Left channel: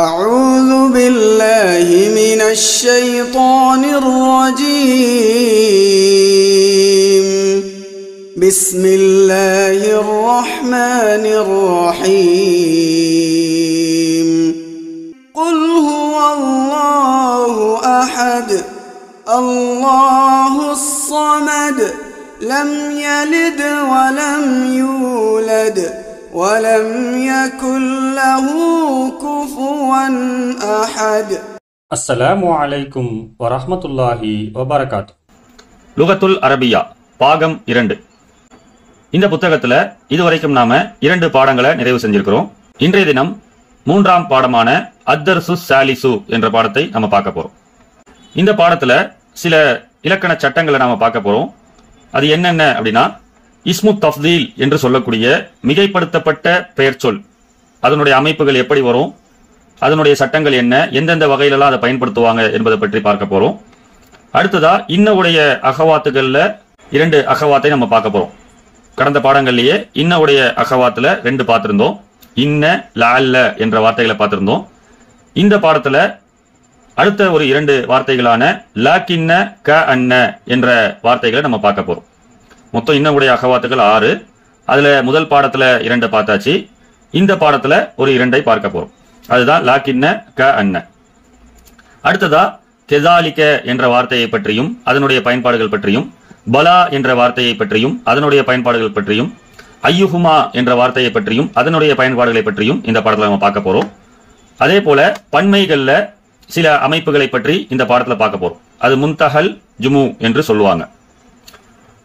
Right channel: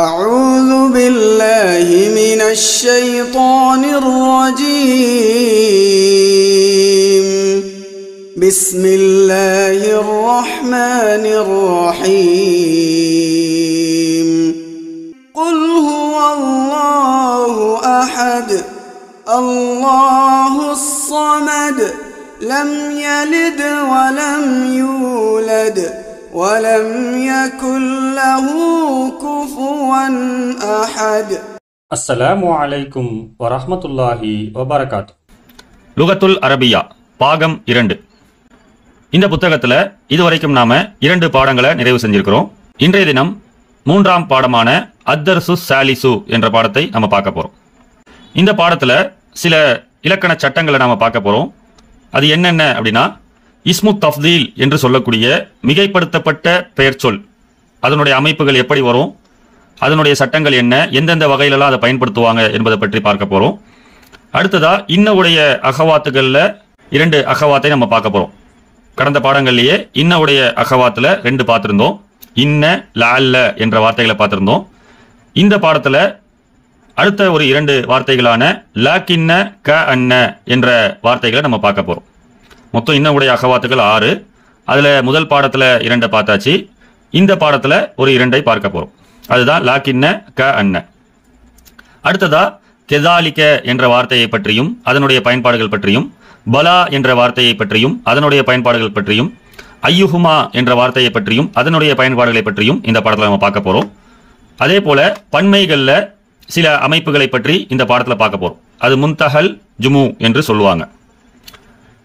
أعوذ بالله من الشيطان الرجيم بسم الله الرحمن الرحيم قل هو الله أحد الله الصمد لم يلد ولم يولد ولم يكن له كفوا أحد. அஸ்ஸலாமு அலைக்கும் வரஹ்மத்துல்லாஹி வபரகாத்துஹு. லுகத்துல் அரபியா பாகம் 2. இந்த புத்தகத்துல இதுவரைக்கும் நாம 2 பாடங்களை நிறைவு செஞ்சிருக்கிறோம். இன்றைய தினம் 3ஆம் பாடமான அத்தர்சு சாலிசு என்ற பாடத்தை நம்ம பார்க்க போறோம். இந்த பாடத்துல சில இலக்கண சட்டங்களை நாம பார்க்க போறோம். அது என்னென்ன அப்படின்னா, இஸ்மு தஃதீல் என்று சொல்லக்கூடிய மிகைப்படுத்தப்பட்ட பெயர் சொல், அதனுடைய அமைப்புகள் எப்படி வரும், அதனுடைய சட்டங்கள் என்ன, எந்தெந்த வகையிலெல்லாம் அதை பயன்படுத்துவாங்க என்பதை பற்றி பார்க்க போறோம். அடுத்ததா இன்னவுடைய அகவாத்துகள்ல 2 அகவாத்தை நம்ம பார்க்க போறோம். கடந்த பாடங்கள்லயே இன்னவுடைய அகவாத்துல 2 பார்த்திருந்தோம். இன்ன லஅல்ல என்ற வார்த்தைகளை பார்த்திருந்தோம். இந்த பாடத்துல அடுத்த ஒரு 2 வார்த்தைகளான லாக்கின்ன க அன்ன என்ற வார்த்தைகளை நம்ம பார்க்க போறோம். மொத்தம் இன்னவுடைய அகவாத்துகள் 6. அதுல முதல் பாடத்துல 2 பார்த்தாச்சு. இந்த பாடத்துல ஒரு 2ஐ பார்க்க போறோம். அதுதான் லாக்கின்ன க அன்ன. அடுத்ததா கெதாலிக்க என்ற வார்த்தையை பற்றியும் அதனுடைய பயன்பாடுகள் பற்றியும், பலா என்ற வார்த்தையை பற்றியும் அதனுடைய பயன்பாடுகள் பற்றியும், ஐயுஹுமா என்ற வார்த்தையை பற்றியும் அதனுடைய பயன்பாடுகளை பற்றியும் இந்த பாடத்துல நம்ம பார்க்க போறோம். அதே போல பன்மைகள்ல சில அமைப்புகளை பற்றி இந்த பாடத்துல பார்க்க போறோம். அது முன்தஹல் ஜுமு என்று சொல்லுவாங்க.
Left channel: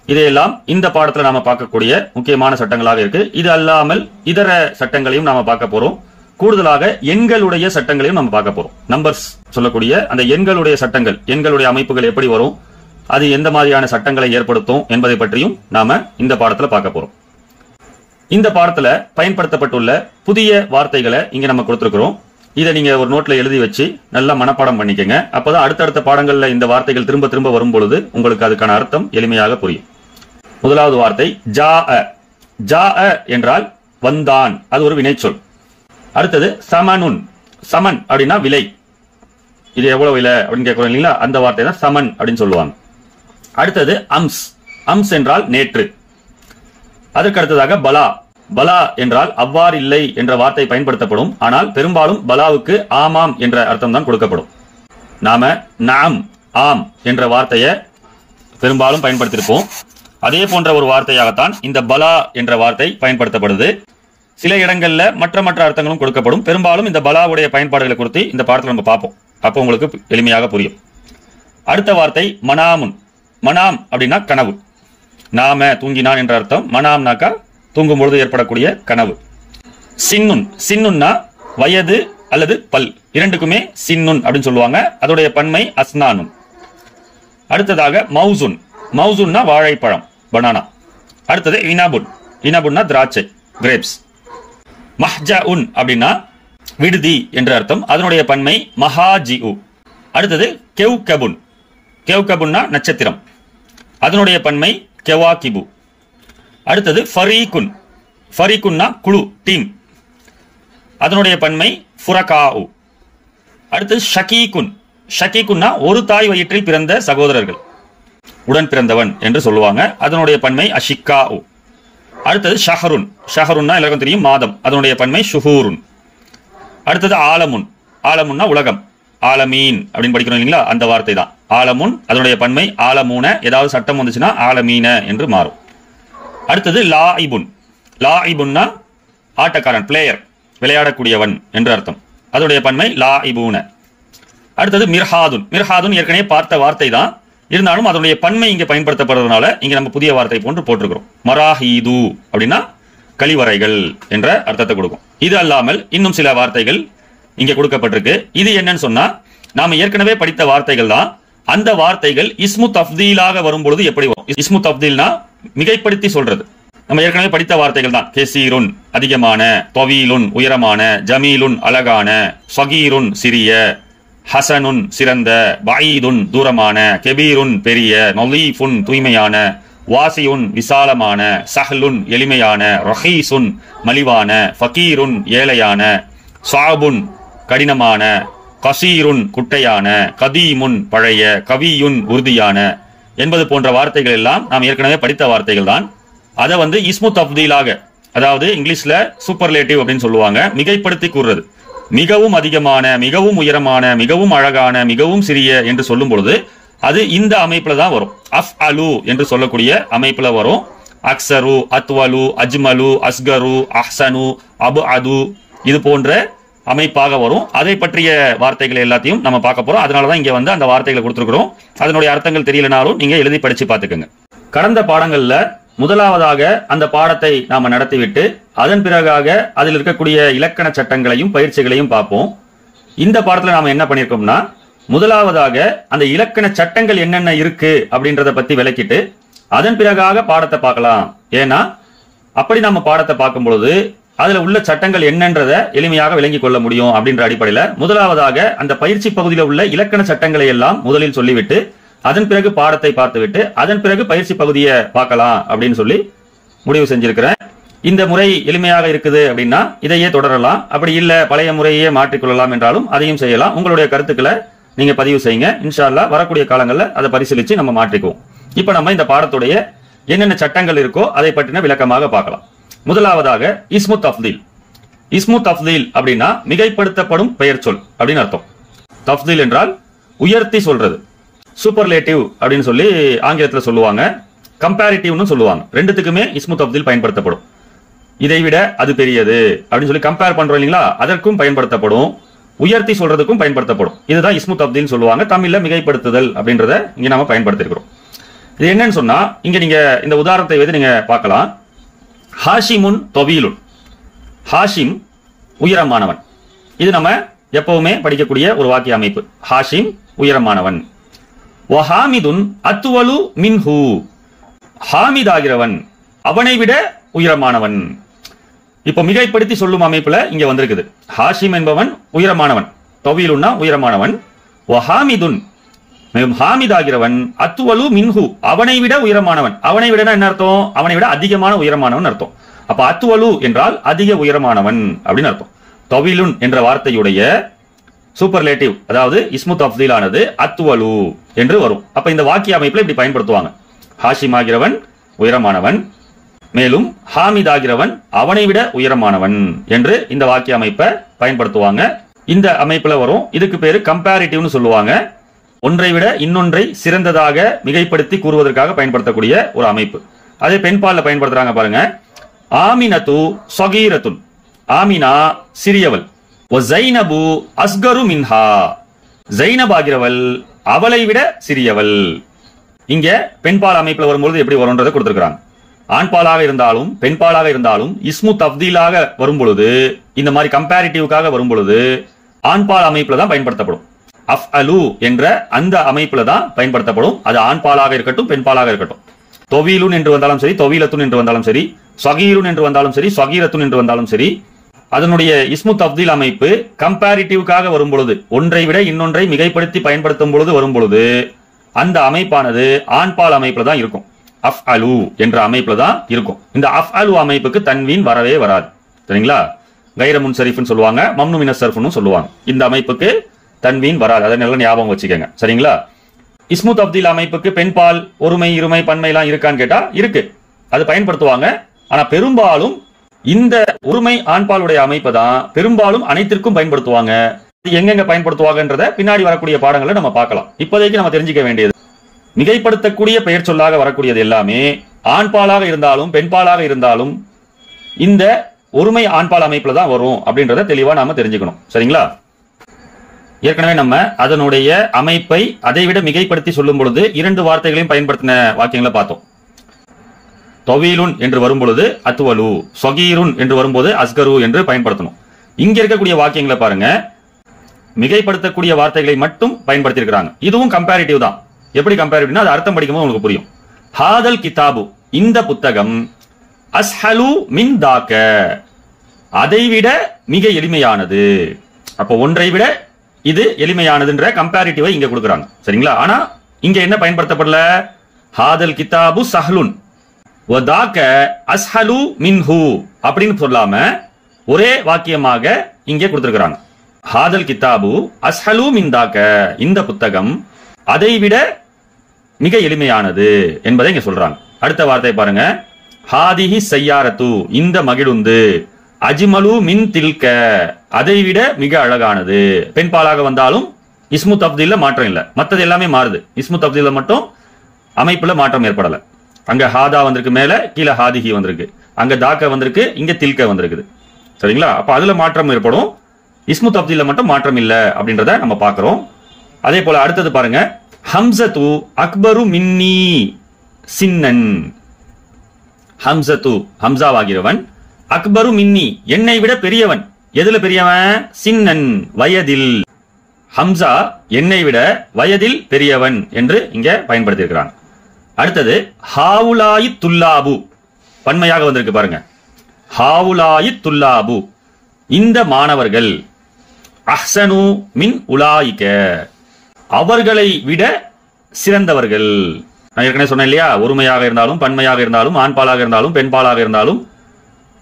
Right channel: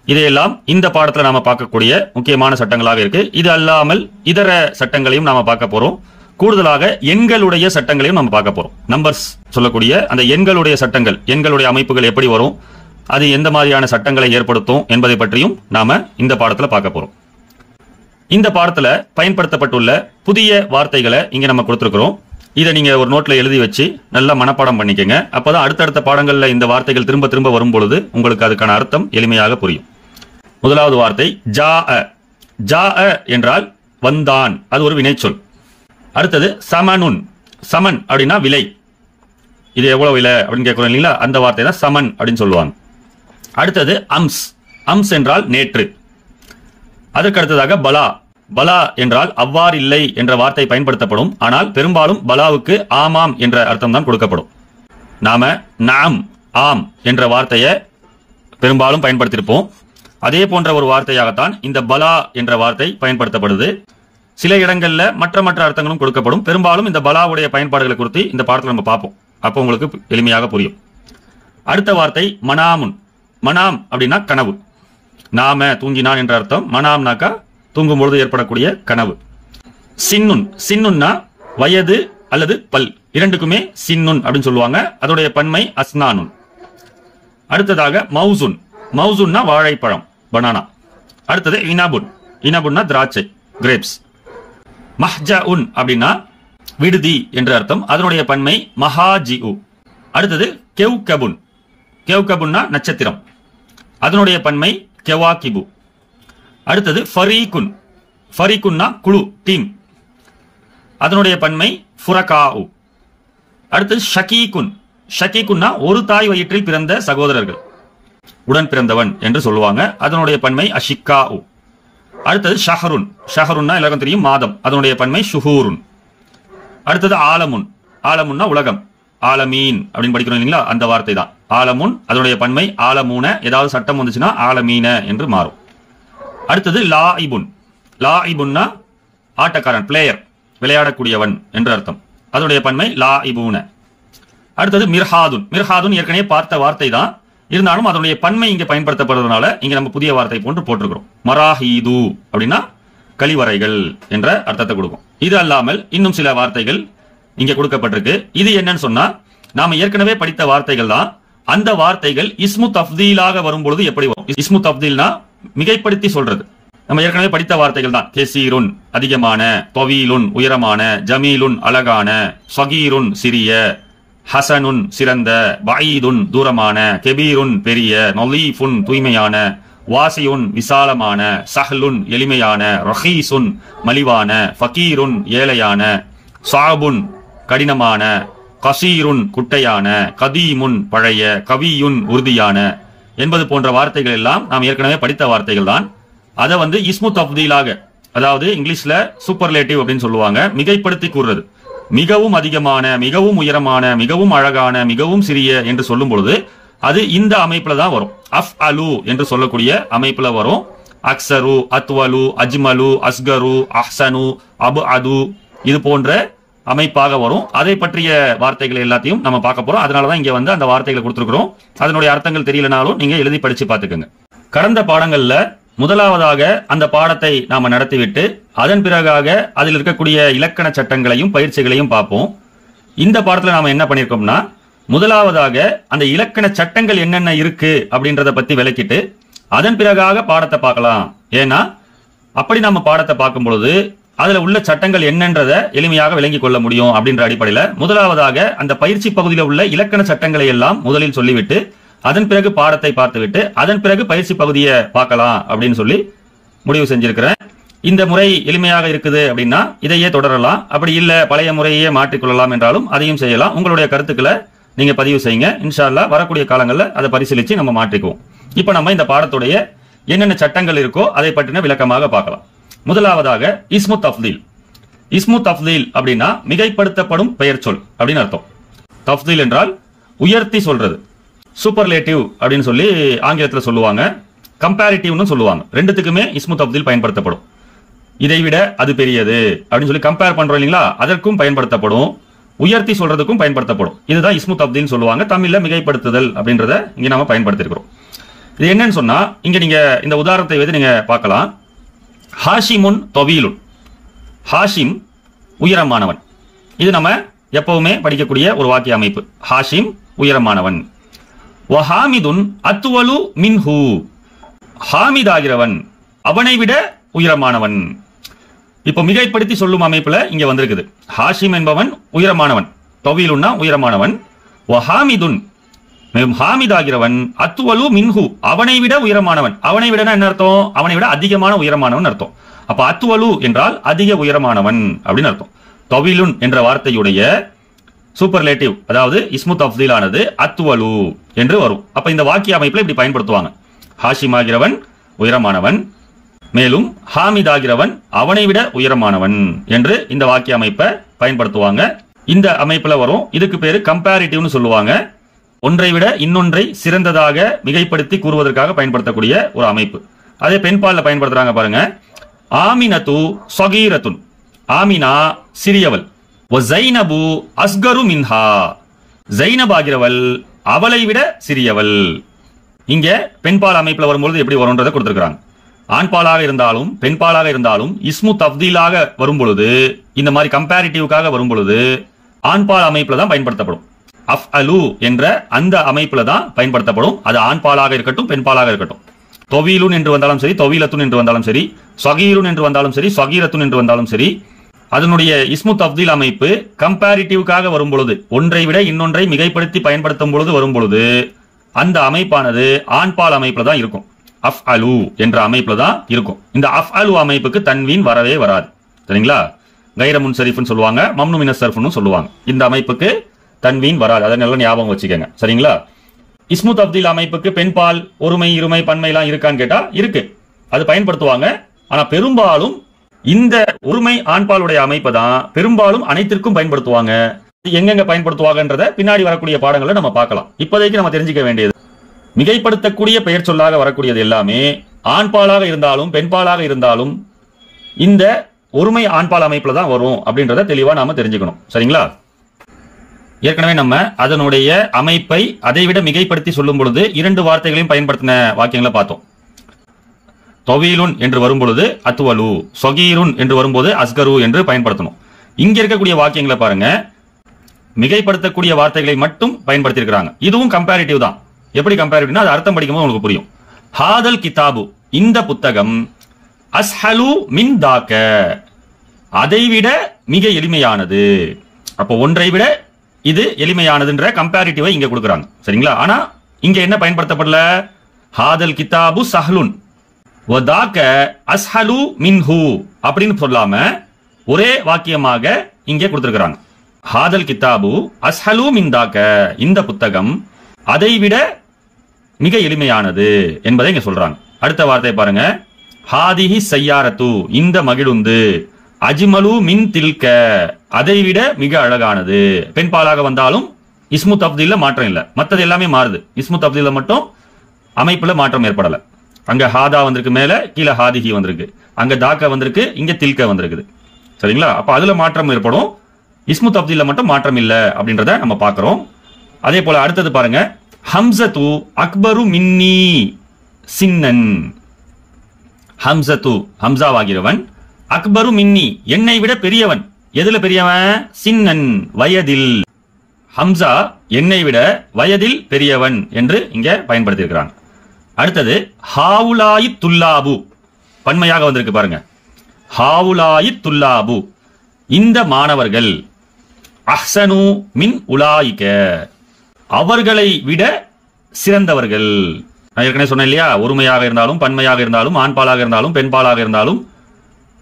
இதையெல்லாம் இந்த பாடத்துல நாம பார்க்கக்கூடிய முக்கியமான சட்டங்களாக இருக்கு. இது அல்லாமல் இதர சட்டங்களையும் நாம பார்க்க போறோம். கூடுதலாக எண்களுடைய சட்டங்களையும் நம்ம பார்க்க போறோம். நம்பர்ஸ் சொல்லக்கூடிய அந்த எண்களுடைய சட்டங்கள், எண்களுடைய அமைப்புகள் எப்படி வரும், அது எந்த மாதிரியான சட்டங்களை ஏற்படுத்தும் என்பதை பற்றியும் நாம இந்த பாடத்துல பார்க்க போறோம். இந்த பாடத்துல பயன்படுத்தப்பட்டுள்ள புதிய வார்த்தைகளை இங்க நம்ம கொடுத்திருக்கிறோம். இதை நீங்க ஒரு நோட்ல எழுதி வச்சு நல்லா மனப்பாடம் பண்ணிக்கங்க. அப்பதான் அடுத்தடுத்த பாடங்கள்ல இந்த வார்த்தைகள் திரும்ப திரும்ப வரும் பொழுது உங்களுக்கு அதுக்கான அர்த்தம் எளிமையாக புரியும். முதலாவது வார்த்தை ஜாஅ. ஜாஅ என்றால் வந்தான், அது ஒரு வினைச்சொல். அடுத்தது சமனுன். சமன் அப்படின்னா விலை. இது எவ்வளவு விலை அப்படின்னு கேட்கிறோம் இல்லைங்களா, அந்த வார்த்தை தான் சமன் அப்படின்னு சொல்லுவாங்க. அடுத்தது அம்ஸ். அம்ஸ் என்றால் நேற்று. அதற்கு அடுத்ததாக பலா. பலா என்றால் அவ்வாறு இல்லை என்ற வார்த்தை பயன்படுத்தப்படும். ஆனால் பெரும்பாலும் பலாவுக்கு ஆமாம் என்ற அர்த்தம் தான் கொடுக்கப்படும். நாம நாம், ஆம் என்ற வார்த்தையை பெரும்பாலும் பயன்படுத்தியிருப்போம். அதே போன்ற ஒரு வார்த்தையாகத்தான் இந்த பலா என்ற வார்த்தை பயன்படுத்தப்படுது. சில இடங்கள்ல மற்ற அர்த்தங்களும் கொடுக்கப்படும். பெரும்பாலும் இந்த பலாவுடைய பயன்பாடுகளை குறித்து இந்த பாடத்தில் நம்ம பார்ப்போம். அப்போ உங்களுக்கு எளிமையாக புரியும். அடுத்த வார்த்தை மனாமுன். மனாம் அப்படின்னா கனவு. நாம தூங்கினான் என்ற அர்த்தம். மனாம்னாக்கா தூங்கும் பொழுது ஏற்படக்கூடிய கனவு. சின்னுன். சின்னுன்னா வயது அல்லது பல், இரண்டுக்குமே சின்னுன் அப்படின்னு சொல்லுவாங்க. அதோடைய பன்மை அஸ்னானுன். அடுத்ததாக மௌசுன். மௌசுன்னா வாழைப்பழம், பனானா. அடுத்தது இனபுன். இனபுன்னா திராட்சை, கிரேப்ஸ். மஹ்ஜஉன் அப்படின்னா விடுதி என்ற அர்த்தம். அதனுடைய பன்மை மஹாஜிஉ. அடுத்தது கெவ்கபுன். கெவ்கபுன்னா நட்சத்திரம், அதனுடைய பன்மை கெவாகிபு. அடுத்தது ஃபரீகுன். ஃபரீகுன்னா குழு, டீம், அதனுடைய பன்மை ஃபுரகாஉ. அடுத்தது ஷகீகுன். ஷகீகுன்னா ஒரு தாய் வயிற்றில் பிறந்த சகோதரர்கள், உடன் பிறந்தவன் என்று சொல்லுவாங்க. அதனுடைய பன்மை அஷிக்காஉ. அடுத்தது ஷஹருன். ஷஹருன்னா எல்லாருக்கும் தெரியும் மாதம், அதனுடைய பன்மை ஷுஹூருன். அடுத்தது ஆலமுன். ஆலமுன்னா உலகம், ஆலமீன் அப்படின்னு படிக்கிறோம் இல்லைங்களா, அந்த வார்த்தை தான் ஆலமுன். அதனுடைய பன்மை ஆலமூன. ஏதாவது சட்டம் வந்துச்சுன்னா ஆலமீன என்று மாறும். அடுத்தது லாஇபுன். லாஇபுன்னா ஆட்டக்காரன், பிளேயர், விளையாடக்கூடியவன் என்று அர்த்தம். அதனுடைய பன்மை லாஇபூன. அடுத்தது மிர்ஹாதுன். மிர்ஹாதுன் ஏற்கனவே பார்த்த வார்த்தை தான், இருந்தாலும் அதனுடைய பன்மை இங்க பயன்படுத்தப்படுறதுனால இங்க நம்ம புதிய வார்த்தை போன்று போட்டிருக்கிறோம். மராஹீது அப்படின்னா கழிவறைகள் என்ற அர்த்தத்தை கொடுக்கும். இது அல்லாமல் இன்னும் சில வார்த்தைகள் இங்க கொடுக்கப்பட்டிருக்கு. இது என்னன்னு சொன்னா, நாம ஏற்கனவே படித்த வார்த்தைகள் தான். அந்த வார்த்தைகள் இஸ்மு தஃதீலாக வரும் பொழுது எப்படி வரும்? இஸ்மு தஃதீல்னா மிகைப்படுத்தி சொல்றது. நம்ம ஏற்கனவே படித்த வார்த்தைகள் தான். கெசீருன் அதிகமான, தவீலுன் உயரமான, ஜமீலுன் அழகான, சகீருன் சிறிய, ஹசனுன் சிறந்த, பஈதுன் தூரமான, கெபீருன் பெரிய, நலீஃபுன் தூய்மையான, வாசியுன் விசாலமான, சஹ்லுன் எளிமையான, ரஹீசுன் மலிவான, ஃபகீருன் ஏழையான, சாபுன் கடினமான, கசீருன் குட்டையான, கதீமுன் பழைய, கவியுன் உறுதியான என்பது போன்ற வார்த்தைகள் எல்லாம் நாம் ஏற்கனவே படித்த வார்த்தைகள் தான். அதை இஸ்மு தஃதீலாக, அதாவது இங்கிலீஷ்ல சூப்பர்லேட்டிவ் அப்படின்னு சொல்லுவாங்க, மிகைப்படுத்தி கூறுறது. மிகவும் அதிகமான, மிகவும் உயரமான, மிகவும் அழகான, மிகவும் சிறிய என்று சொல்லும் பொழுது அது இந்த அமைப்புல தான் வரும். அஃப் அலு என்று சொல்லக்கூடிய அமைப்புல வரும். அக்ஸரு, அத்வலு, அஜ்மலு, அஸ்கரு, அஹ்சனு, அபு அது, இது போன்ற அமைப்பாக வரும். அதை பற்றிய வார்த்தைகள் எல்லாத்தையும் நம்ம பார்க்க போறோம். அதனாலதான் இங்க அந்த வார்த்தைகளை கொடுத்திருக்கிறோம். அதனுடைய அர்த்தங்கள் தெரியலனாலும் நீங்க எழுதி படிச்சு பார்த்துக்கோங்க. கடந்த பாடங்கள்ல முதலாவதாக அந்த பாடத்தை நாம நடத்திவிட்டு அதன் பிறகாக அதில் இருக்கக்கூடிய இலக்கண சட்டங்களையும் பயிற்சிகளையும் பார்ப்போம். இந்த பாடத்துல நாம என்ன பண்ணிருக்கோம்னா, முதலாவதாக அந்த இலக்கண சட்டங்கள் என்னென்ன இருக்கு அப்படின்றத பத்தி விளக்கிட்டு அதன் பிறகாக பாடத்தை பார்க்கலாம். ஏன்னா அப்படி நாம பாடத்தை பார்க்கும் பொழுது அதுல உள்ள சட்டங்கள் என்னன்றத எளிமையாக விளங்கிக் கொள்ள முடியும் அப்படின்ற அடிப்படையில முதலாவதாக அந்த பயிற்சி பகுதியில் உள்ள இலக்கண சட்டங்களை எல்லாம் முதலில் சொல்லிவிட்டு அதன் பிறகு பாடத்தை பார்த்துவிட்டு அதன் பிறகு பயிற்சி பகுதியை பார்க்கலாம் அப்படின்னு சொல்லி முடிவு செஞ்சிருக்கிறேன். இந்த முறை எளிமையாக இருக்குது அப்படின்னா இதையே தொடரலாம். அப்படி இல்ல பழைய முறையே மாற்றிக்கொள்ளலாம் என்றாலும் அதையும் செய்யலாம். உங்களுடைய கருத்துக்களை நீங்க பதிவு செய்யுங்க. இன்ஷா அல்லாஹ் வரக்கூடிய காலங்களில் அதை பரிசீலிச்சு நம்ம மாற்றிக்குவோம். இப்ப நம்ம இந்த பாடத்துடைய என்னென்ன சட்டங்கள் இருக்கோ அதை பற்றின விளக்கமாக பார்க்கலாம். முதலாவதாக இஸ்மு தஃதீல். இஸ்மு தஃதீல் அப்படின்னா மிகைப்படுத்தப்படும் பெயர் சொல் அப்படின்னு அர்த்தம். தஃதீல் என்றால் உயர்த்தி சொல்றது. சூப்பர்லேட்டிவ் அப்படின்னு சொல்லி ஆங்கிலத்துல சொல்லுவாங்க, கம்பேரிட்டிவ்னு சொல்லுவாங்க. ரெண்டுத்துக்குமே இஸ்மு தஃதீல் பயன்படுத்தப்படும். இதை விட அது பெரியது அப்படின்னு சொல்லி கம்பேர் பண்றோம் இல்லீங்களா, அதற்கும் பயன்படுத்தப்படும். உயர்த்தி சொல்றதுக்கும் பயன்படுத்தப்படும். இதுதான் இஸ்மு தஃதீல் சொல்லுவாங்க. தமிழ்ல மிகைப்படுத்துதல் அப்படின்றத இங்க நாம பயன்படுத்திருக்கிறோம். இது என்னன்னு சொன்னா, இங்க நீங்க இந்த உதாரணத்தை வைத்து நீங்க பார்க்கலாம். ஹாஷிமுன் தவீலுன். ஹாஷிம் உயரமானவன். இது நம்ம எப்பவுமே படிக்கக்கூடிய ஒரு வாக்கிய அமைப்பு. ஹாஷிம் உயரமானவன். வஹாமிதுன் அத்வலு மின்ஹு. ஹாமித் ஆகிறவன் அவனை விட உயரமானவன். இப்போ மிகைப்படுத்தி சொல்லும் அமைப்புல இங்க வந்திருக்குது. ஹாஷிம் என்பவன் உயரமானவன், தவீலுன்னா உயரமானவன். வஹாமிதுன் ஹாமித் ஆகிறவன், அத்வலு மின்ஹு அவனை விட உயரமானவன். அவனை விட என்ன அர்த்தம்? அவனை விட அதிகமான உயரமானவன் அர்த்தம். அப்ப அத்வலு என்றால் அதிக உயரமானவன் அப்படின்னு அர்த்தம். தவீலுன் என்ற வார்த்தையுடைய சூப்பர்லேட்டிவ், அதாவது இஸ்மு தஃதீல் ஆனது அத்வலு என்று வரும். அப்ப இந்த வாக்கிய அமைப்புல இப்படி பயன்படுத்துவாங்க. ஹாஷிம் ஆகிறவன் உயரமானவன், மேலும் ஹாமித் ஆகிறவன் அவனை விட உயரமானவன் என்று இந்த வாக்கிய அமைப்பை பயன்படுத்துவாங்க. இந்த அமைப்புல வரும். இதுக்கு பேரு கம்பேரிட்டிவ்னு சொல்லுவாங்க. ஒன்றை விட இன்னொன்றை சிறந்ததாக மிகைப்படுத்தி கூறுவதற்காக பயன்படுத்தக்கூடிய ஒரு அமைப்பு. அதே பெண்பால்ல பயன்படுத்துறாங்க பாருங்க. ஆமினது சகீரத்துன். ஆமினா சிறியவள். ஜைனபு அஸ்கரு மின்ஹா. ஜைனப் ஆகிறவள் அவளை விட சிறியவள். இங்க பெண்பால் அமைப்புல வரும்போது எப்படி வரும்ன்றதை கொடுத்திருக்கிறாங்க. ஆண்பாலாக இருந்தாலும் பெண்பாலாக இருந்தாலும் இஸ்மு தஃதீலாக வரும் பொழுது, இந்த மாதிரி கம்பேரிட்டிவ்காக வரும் பொழுது ஆண்பால் அமைப்புல தான் பயன்படுத்தப்படும். அஃப் அலு என்ற அந்த அமைப்புல தான் பயன்படுத்தப்படும். அது ஆண்பாலாக இருக்கட்டும் பெண்பாலாக இருக்கட்டும். தொவீலுன் என்று வந்தாலும் சரி, தொவீலத்துன் என்று வந்தாலும் சரி, சகீருன் என்று வந்தாலும் சரி, சகீரத்துன் என்று வந்தாலும் சரி, அதனுடைய இஸ்மு தஃதீல் அமைப்பு கம்பேரிட்டிவ்காக வரும் பொழுது, ஒன்றை விட இன்னொன்றை மிகைப்படுத்தி பயன்படுத்தும் பொழுது வரும் பொழுது அந்த அமைப்பானது ஆண்பால் அமைப்புல தான் இருக்கும். அஃப் அலு என்ற அமைப்புல தான் இருக்கும். இந்த அஃப் அலு அமைப்புக்கு தன்வீன் வரவே வராது. சரிங்களா? கைர முன்சரிஃப்னு சொல்லுவாங்க, மம்னு மின சர்ஃப்னு சொல்லுவாங்க. இந்த அமைப்புக்கு தன்வீன் வராது. அதை நல்ல ஞாபகம் வச்சுக்கோங்க. சரிங்களா? இஸ்மு தஃதீல் அமைப்புக்கு பெண்பால் ஒருமை இருமை பன்மை எல்லாம் இருக்கான்னு கேட்டா இருக்கு, அது பயன்படுத்துவாங்க. ஆனா பெரும்பாலும் இந்த ஒருமை ஆண்பாலுடைய அமைப்பு தான் பெரும்பாலும் அனைத்திற்கும் பயன்படுத்துவாங்க. எங்கெங்க பயன்படுத்துவாங்கன்றத பின்னாடி வரக்கூடிய பாடங்களை நம்ம பார்க்கலாம். இப்போதைக்கு நம்ம தெரிஞ்சுக்க வேண்டியது, மிகைப்படுத்தக்கூடிய பெயர் சொல்லாக வரக்கூடியது எல்லாமே ஆண்பாலாக இருந்தாலும் பெண்பாலாக இருந்தாலும் இந்த ஒருமை ஆண்பால் அமைப்புல தான் வரும் அப்படின்றத தெளிவா நாம தெரிஞ்சுக்கணும். சரிங்களா? ஏற்கனவே நம்ம அதனுடைய அமைப்பை அதைவிட மிகைப்படுத்தி சொல்லும் பொழுது இரண்டு வார்த்தைகளையும் பயன்படுத்தின வாக்கியங்களை பார்த்தோம். தொவீலுன் என்று வரும் பொழுது அத்வலு, சகீருன் என்று வரும்போது அஸ்கரு என்று பயன்படுத்தணும். இங்க இருக்கக்கூடிய வாக்கியங்களை பாருங்க, மிகைப்படுத்தக்கூடிய வார்த்தைகளை மட்டும் பயன்படுத்தியிருக்கிறாங்க. இதுவும் கம்பேரிட்டிவ் தான். எப்படி கம்பேரிட்டிவ்னா அது அர்த்தம் படிக்கும்போது உங்களுக்கு புரியும். ஹாதல் கிதாபு, இந்த புத்தகம், அஸ்ஹலு மின் தாக்க, அதைவிட மிக எளிமையானது. அப்ப ஒன்றை விட இது எளிமையானதுன்ற கம்பேரிட்டிவை இங்க கொடுக்குறாங்க. சரிங்களா? ஆனா இங்க என்ன பயன்படுத்தப்படல? ஹாதல் கிதாபு சஹலுன் வதாக்க அஸ்ஹலு மின்ஹு அப்படின்னு சொல்லாம ஒரே வாக்கியமாக இங்கே கொடுத்திருக்கிறாங்க. ஹாதல் கித்தாபு அஸ்ஹலு மின்தாக்க, இந்த புத்தகம் அதைவிட மிக எளிமையானது என்பதை இங்க சொல்றாங்க. அடுத்த வார்த்தை பாருங்க, ஹாதிஹி சையாரத்து, இந்த மகிழுந்து, அஜ்மலு மின் தில்க, அதைவிட மிக அழகானது. பெண் பாலாக வந்தாலும் இஸ்மு தப்தீல்ல மாற்றம் இல்ல, மற்றது எல்லாமே மாறுது. இஸ்மு தப்தீல்ல மட்டும் அமைப்புல மாற்றம் ஏற்படல. அங்க ஹாதா வந்திருக்கு, மேல கீழே ஹாதிஹி வந்திருக்கு, அங்க தாக்க வந்திருக்கு, இங்க தில்க வந்திருக்குது. சரிங்களா? அப்ப அதுல மாற்றம் ஏற்படும், இஸ்மு தப்தீல்ல மட்டும் மாற்றம் இல்ல அப்படின்றத நம்ம பாக்குறோம். அதே போல அடுத்தது பாருங்க, ஹம்சத்து அக்பரு மின்னி சின்னன். ஹம்சத்து, ஹம்சாவாகிறவன், அக்பரு மின்னி, என்னை விட பெரியவன். எதுல பெரியவன்? சின்னன், வயதில். ஹம்சா என்னை விட வயதில் பெரியவன் என்று இங்க பயன்படுத்தியிருக்கிறான். அடுத்தது ஹாவுலாயி துல்லாபு, பன்மையாக வந்திருக்கு பாருங்க, ஹாவுலாயி துல்லாபு, இந்த மாணவர்கள், அஹ்சனு மின் உலாயிக, அவர்களை விட சிறந்தவர்கள். நான் ஏற்கனவே சொன்னேன் இல்லையா, ஒருமையாக இருந்தாலும் பன்மையாக இருந்தாலும் ஆண்பாலாக இருந்தாலும் பெண்பாலாக இருந்தாலும்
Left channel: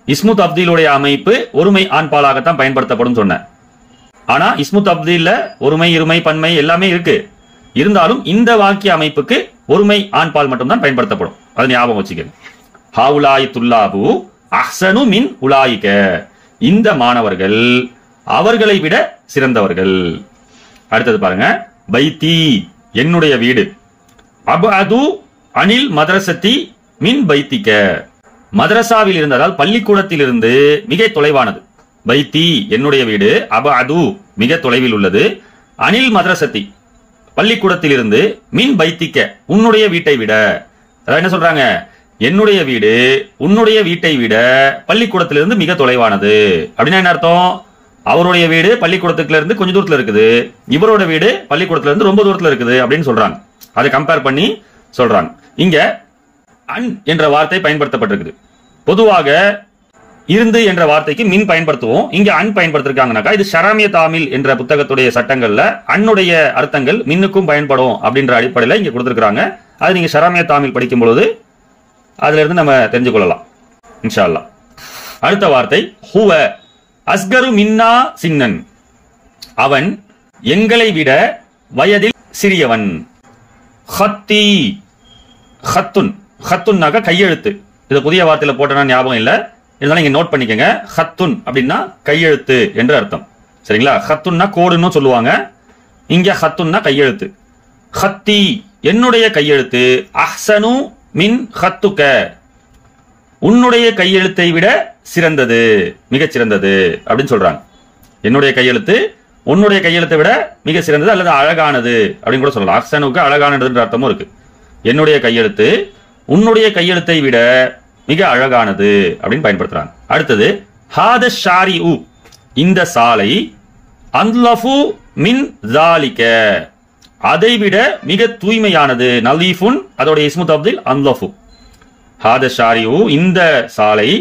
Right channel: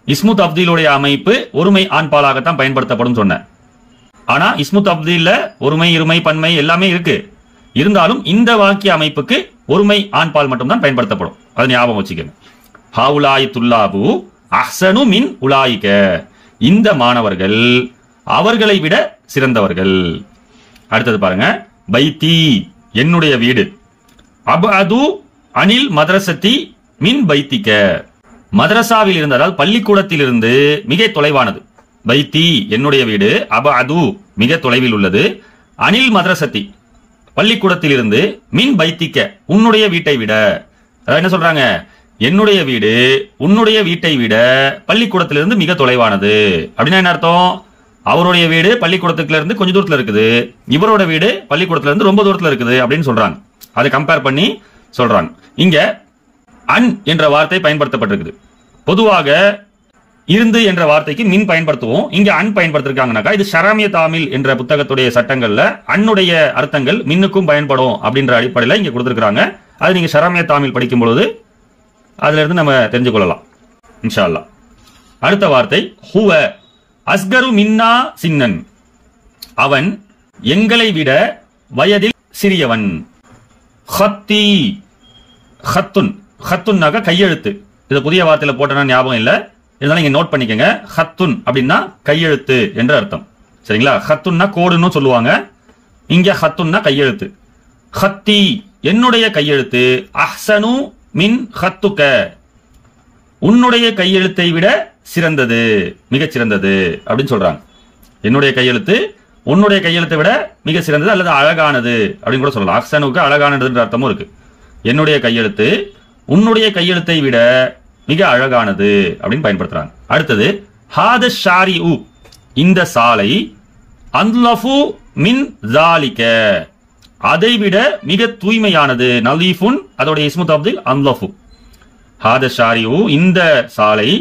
இஸ்மு தப்தீலுடைய அமைப்பு ஒருமை ஆண்பாலாகத்தான் பயன்படுத்தப்படும் சொன்னேன். ஆனா இஸ்மு தப்தீல்ல ஒருமை இருமை பன்மை எல்லாமே இருக்கு. இருந்தாலும் இந்த வாக்கிய அமைப்புக்கு ஒருமை ஆண்பால் மட்டும்தான் பயன்படுத்தப்படும். அதை ஞாபகம் வச்சுக்கணும். ஹாவுலாய் துல்லாபு அஹ்சனு மின் உலாயிக, இந்த மாணவர்கள் அவர்களை விட சிறந்தவர்கள். அடுத்தது பாருங்க, பைத்தி, என்னுடைய வீடு, அபது அனில் மதரசத்தி மின் பைத்திக்க, மதரசாவில் இருந்து, அதாவது பள்ளிக்கூடத்தில் இருந்து மிக தொலைவானது. பைத்தி என்னுடைய வீடு, அபது மிக தொலைவில் உள்ளது, அனில் மதரசத்தி பள்ளிக்கூடத்தில் இருந்து, மின் பைத்திக்க உன்னுடைய வீட்டை விட. அதாவது என்ன சொல்றாங்க, என்னுடைய வீடு உன்னுடைய வீட்டை விட பள்ளிக்கூடத்திலிருந்து மிக தொலைவானது. அப்படின்னா என்ன அர்த்தம்? அவருடைய வீடு பள்ளிக்கூடத்துக்குள்ள இருந்து கொஞ்சம் தூரத்துல இருக்குது, இவரோட வீடு பள்ளிக்கூடத்துல இருந்து ரொம்ப தூரத்துல இருக்குது அப்படின்னு சொல்றாங்க. அதை கம்பேர் பண்ணி சொல்றாங்க. இங்க அன் என்ற வார்த்தை பயன்படுத்தப்பட்டிருக்குது. பொதுவாக இருந்து என்ற வார்த்தைக்கு மின் பயன்படுத்துவோம், இங்க அன் பயன்படுத்திருக்காங்கனாக்கா இது ஷராமிய தாமில் என்ற புத்தகத்துடைய சட்டங்கள்ல அன்னுடைய அர்த்தங்கள் மின்னுக்கும் பயன்படும் அப்படின்ற அடிப்படையில இங்க கொடுத்திருக்காங்க. அது நீங்க ஷராமிய தாமில் படிக்கும் பொழுது அதுல இருந்து நம்ம தெரிஞ்சு கொள்ளலாம் இன்ஷா அல்லாஹ். அடுத்த வார்த்தை ஹுவ அஸ்கரு மின்னா சின்னன், அவன் எங்களை விட வயதில் சிறியவன். ஹத்தி, ஹத்துன், ஹத்துன்னாக கையெழுத்து. இது புதிய வார்த்தையில போட்டனா ஞாபகம் இல்ல, இருந்தாலும் நீங்க நோட் பண்ணிக்கங்க. ஹத்துன் அப்படின்னா கையெழுத்து என்று அர்த்தம். சரிங்களா? ஹத்துன்னா கோடுன்னு சொல்லுவாங்க, இங்க ஹத்துன்னா கையெழுத்து. ஹத்தி என்னுடைய கையெழுத்து, அஹ்சனு மின் ஹத்துக்க உன்னுடைய கையெழுத்தை விட சிறந்தது, மிகச் சிறந்தது அப்படின்னு சொல்றாங்க. என்னுடைய கையெழுத்து உன்னுடைய கையெழுத்தை விட மிக சிறந்தது அல்லது அழகானது அப்படின்னு கூட சொல்லலாம். அஹ்சனுக்கு அழகானதுன்ற அர்த்தமும் இருக்கு. என்னுடைய கையெழுத்து உன்னுடைய கையெழுத்தை விட மிக அழகானது அப்படின்னு பயன்படுத்துறாங்க. அடுத்தது ஹாத ஷாரி உ, இந்த சாலை, அன்லஃபு மின் ஜாலிக அதைவிட மிக தூய்மையானது. நலீஃபுன் அதோட இஸ்மு தப்தீல் அன்லஃபு. ஹாத ஷாரி உ, இந்த சாலை,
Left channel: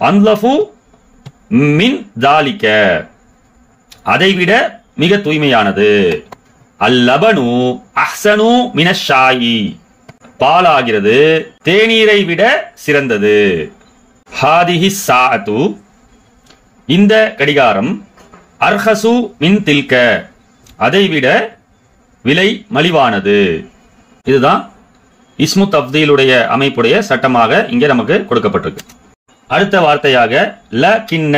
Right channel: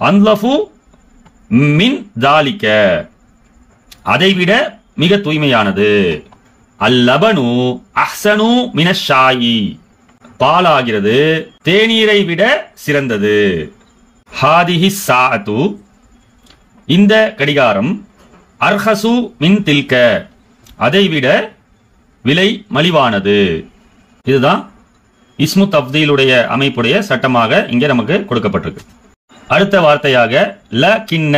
அன்லஃபு மின் ஜாலிக அதைவிட மிக தூய்மையானது. அல்லபனு அஹ்சனு மினஷாயி, பாலாகிறது தேநீரை விட சிறந்தது. ஹாதிஹி சாஅத்து, இந்த கடிகாரம், அர்ஹசு மின் தில்க அதைவிட விலை மலிவானது. இதுதான் இஸ்மு தப்தீலுடைய அமைப்புடைய சட்டமாக இங்கே நமக்கு கொடுக்கப்பட்டிருக்கு. அடுத்த வார்த்தையாக ல கின்ன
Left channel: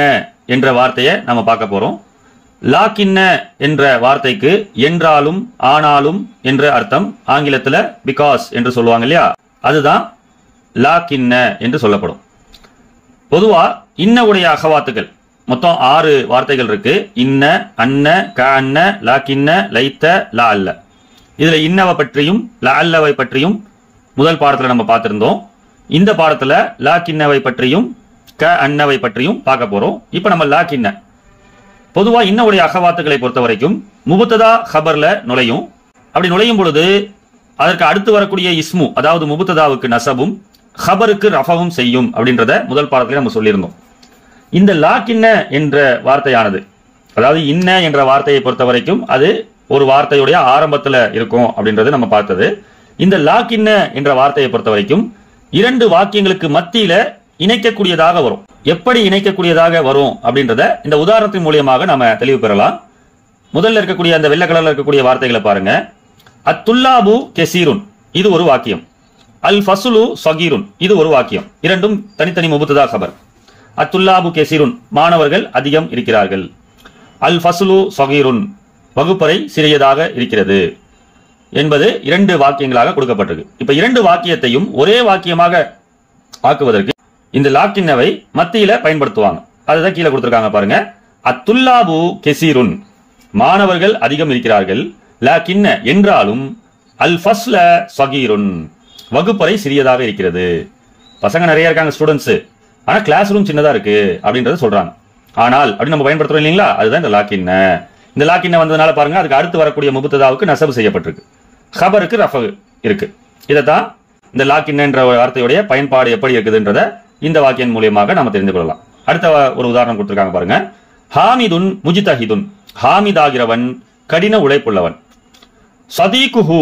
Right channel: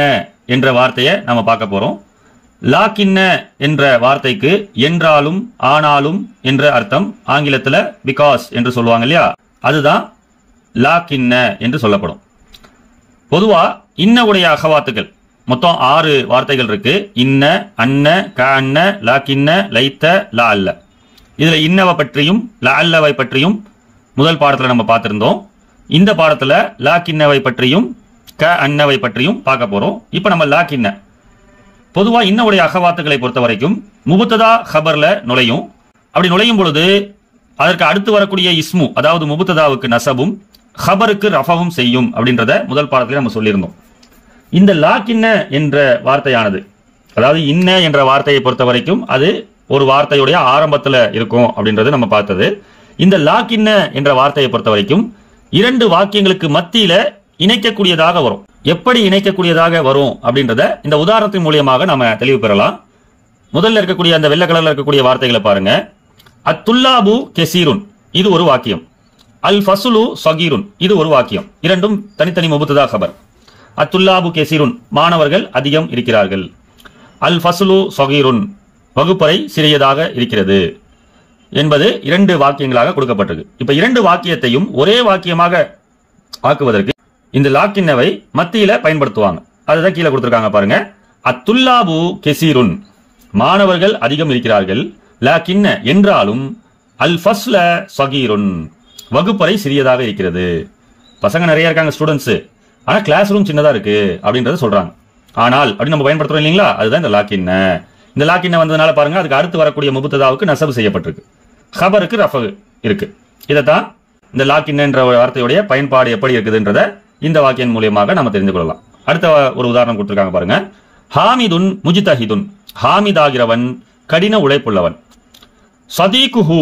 என்ற வார்த்தையை நாம பார்க்க போறோம். லா கின்ன என்ற வார்த்தைக்கு என்றாலும் ஆனாலும் என்ற அர்த்தம். ஆங்கிலத்துல பிகாஸ் என்று சொல்லுவாங்க இல்லையா, அதுதான் லா கின்ன என்று சொல்லப்படும். பொதுவா இன்ன உடைய அகவாத்துக்கள் மொத்தம் 6 வார்த்தைகள் இருக்கு. இன்ன, அன்ன, கஅன்ன, லா கின்ன, லைத்த, லா அல்ல. இதுல இன்னவை பற்றியும் லா அல்லவை பற்றியும் முதல் பாடத்துல நம்ம பார்த்திருந்தோம். இந்த பாடத்துல லா கின்னவை பற்றியும் க அன்னவை பற்றியும் பார்க்க போறோம். இப்ப நம்ம லா கின்ன, பொதுவா இன்னுடைய அகவாத்துக்களை பொறுத்த வரைக்கும் முபுத்ததா ஹபர்ல நுழையும். அப்படி நுழையும் பொழுது அதற்கு அடுத்து வரக்கூடிய இஸ்மு, அதாவது முபுத்ததாவுக்கு நசபும் ஹபருக்கு ரஃபவும் செய்யும் அப்படின்றத முதல் பாடத்துல நம்ம சொல்லியிருந்தோம். இந்த லா கின்ன என்ற வார்த்தையானது, அதாவது இன்ன என்ற வார்த்தையை பொறுத்த வரைக்கும் அது ஒரு வார்த்தையுடைய ஆரம்பத்துல இருக்கும் அப்படின்றது நம்ம பார்த்தது. இந்த லா கின்ன என்ற வார்த்தையை பொறுத்த வரைக்கும் 2 வாக்கியங்களுக்கு மத்தியில இணைக்கக்கூடியதாக வரும். எப்படி இணைக்கக்கூடியதாக வரும் அப்படின்றத இந்த உதாரணத்தின் மூலியமாக நாம தெளிவு பெறலாம். முதல்ல இருக்கக்கூடிய அந்த வெள்ளை கலர்ல இருக்கக்கூடிய வார்த்தைகளை பாருங்க. அத்துல்லாபு கெசீருன், இது ஒரு வாக்கியம். அல் ஃபஸ்லு சகீருன், இது ஒரு வாக்கியம். இரண்டும் தனித்தனி முபுத்ததா கபர். அத்துல்லாபு கெசீருன், மாணவர்கள் அதிகம் இருக்கிறார்கள். அல் ஃபஸ்லு சகீருன், வகுப்பறை சிறியதாக இருக்கிறது என்பது இரண்டு வாக்கியங்களாக கொடுக்கப்பட்டிருக்கு. இப்ப இரண்டு வாக்கியத்தையும் ஒரே வாக்கியமாக ஆக்குவதற்கு இந்த லாக்கின்னவை மத்தியில பயன்படுத்துவாங்க. அதுதான் கீழே கொடுத்திருக்காங்க பாருங்க. அத்துல்லாபு கெசீருன், மாணவர்கள் அதிகம் இருக்கிறார்கள். லாக்கின்ன, என்றாலும், அல் ஃபஸ்ல சகீருன், வகுப்பறை சிறியதாக இருக்கிறது. பசங்க நிறைய இருக்காங்க ஸ்டூடெண்ட்ஸ், ஆனா கிளாஸ் ரூம் சின்னதா இருக்கு அப்படின்றத சொல்றாங்க. ஆனால் அப்படி நம்ம பயன்படுத்துறோம் இல்லைங்களா, அதுதான் இந்த லாக்கின்ன. இந்த லாக்கின்ன வந்ததுனால பாருங்க, அதுக்கு அடுத்து வரக்கூடிய முபுத்ததாவுக்கு நஸப் செய்யப்பட்டிருக்கு, ஹபருக்கு ரஃபு இருக்கு. இதைத்தான் இந்த லாக்கின்ன என்ற வார்த்தையுடைய பயன்பாடு எப்படி இருக்குதுன்றத இந்த வாக்கியம் மூலியமாக நாம தெரிந்து கொள்ளலாம். அடுத்த ஒரு உதாரணம் கொடுத்திருக்காங்க பாருங்க. ஹாமிதுன் முஜ்தஹிதுன், ஹாமித் ஆகிறவன் கடின உழைப்புள்ளவன். சதீகுஹு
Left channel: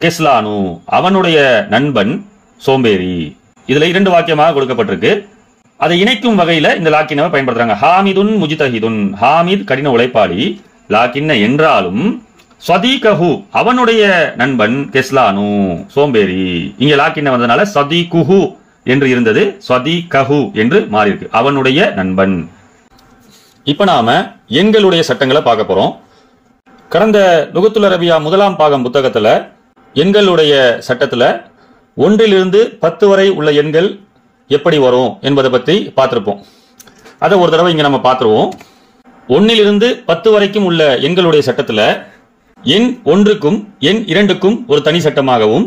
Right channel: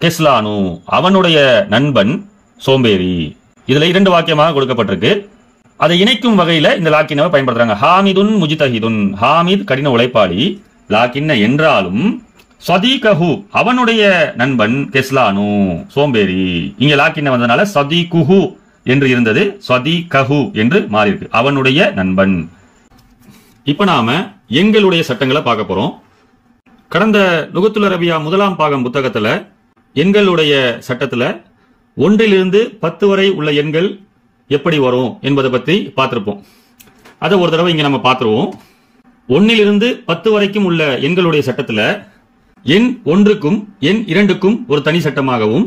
கெஸ்லானு, அவனுடைய நண்பன் சோம்பேறி. இதுல இரண்டு வாக்கியமாக கொடுக்கப்பட்டிருக்கு. அதை இணைக்கும் வகையில இந்த லாக்கின்னை பயன்படுத்துறாங்க. ஹாமிதுன் முஜ்தஹிதுன், ஹாமித் கடின உழைப்பாளி. லாக்கின்ன என்றாலும், சதீகஹு, அவனுடைய நண்பன், கெஸ்லானு சோம்பேறி. இங்க லாக்கின்ன வந்ததுனால சதீகுஹு என்று இருந்தது சதீகஹு என்று மாறி இருக்கு, அவனுடைய நண்பன். இப்ப நாம எண்களுடைய சட்டங்களை பார்க்க போறோம். கடந்த லுகத்துல் அரபியா முதலாம் பாகம் புத்தகத்துல எண்களுடைய சட்டத்துல 1 to 10 வரை உள்ள எண்கள் எப்படி வரும் என்பதை பற்றி பார்த்திருப்போம். அதை ஒரு தடவை இங்க நம்ம பார்த்துருவோம். 1 to 10 வரைக்கும் உள்ள எண்களுடைய சட்டத்துல எண் 1க்கும் எண் 2க்கும் ஒரு தனி சட்டமாகவும்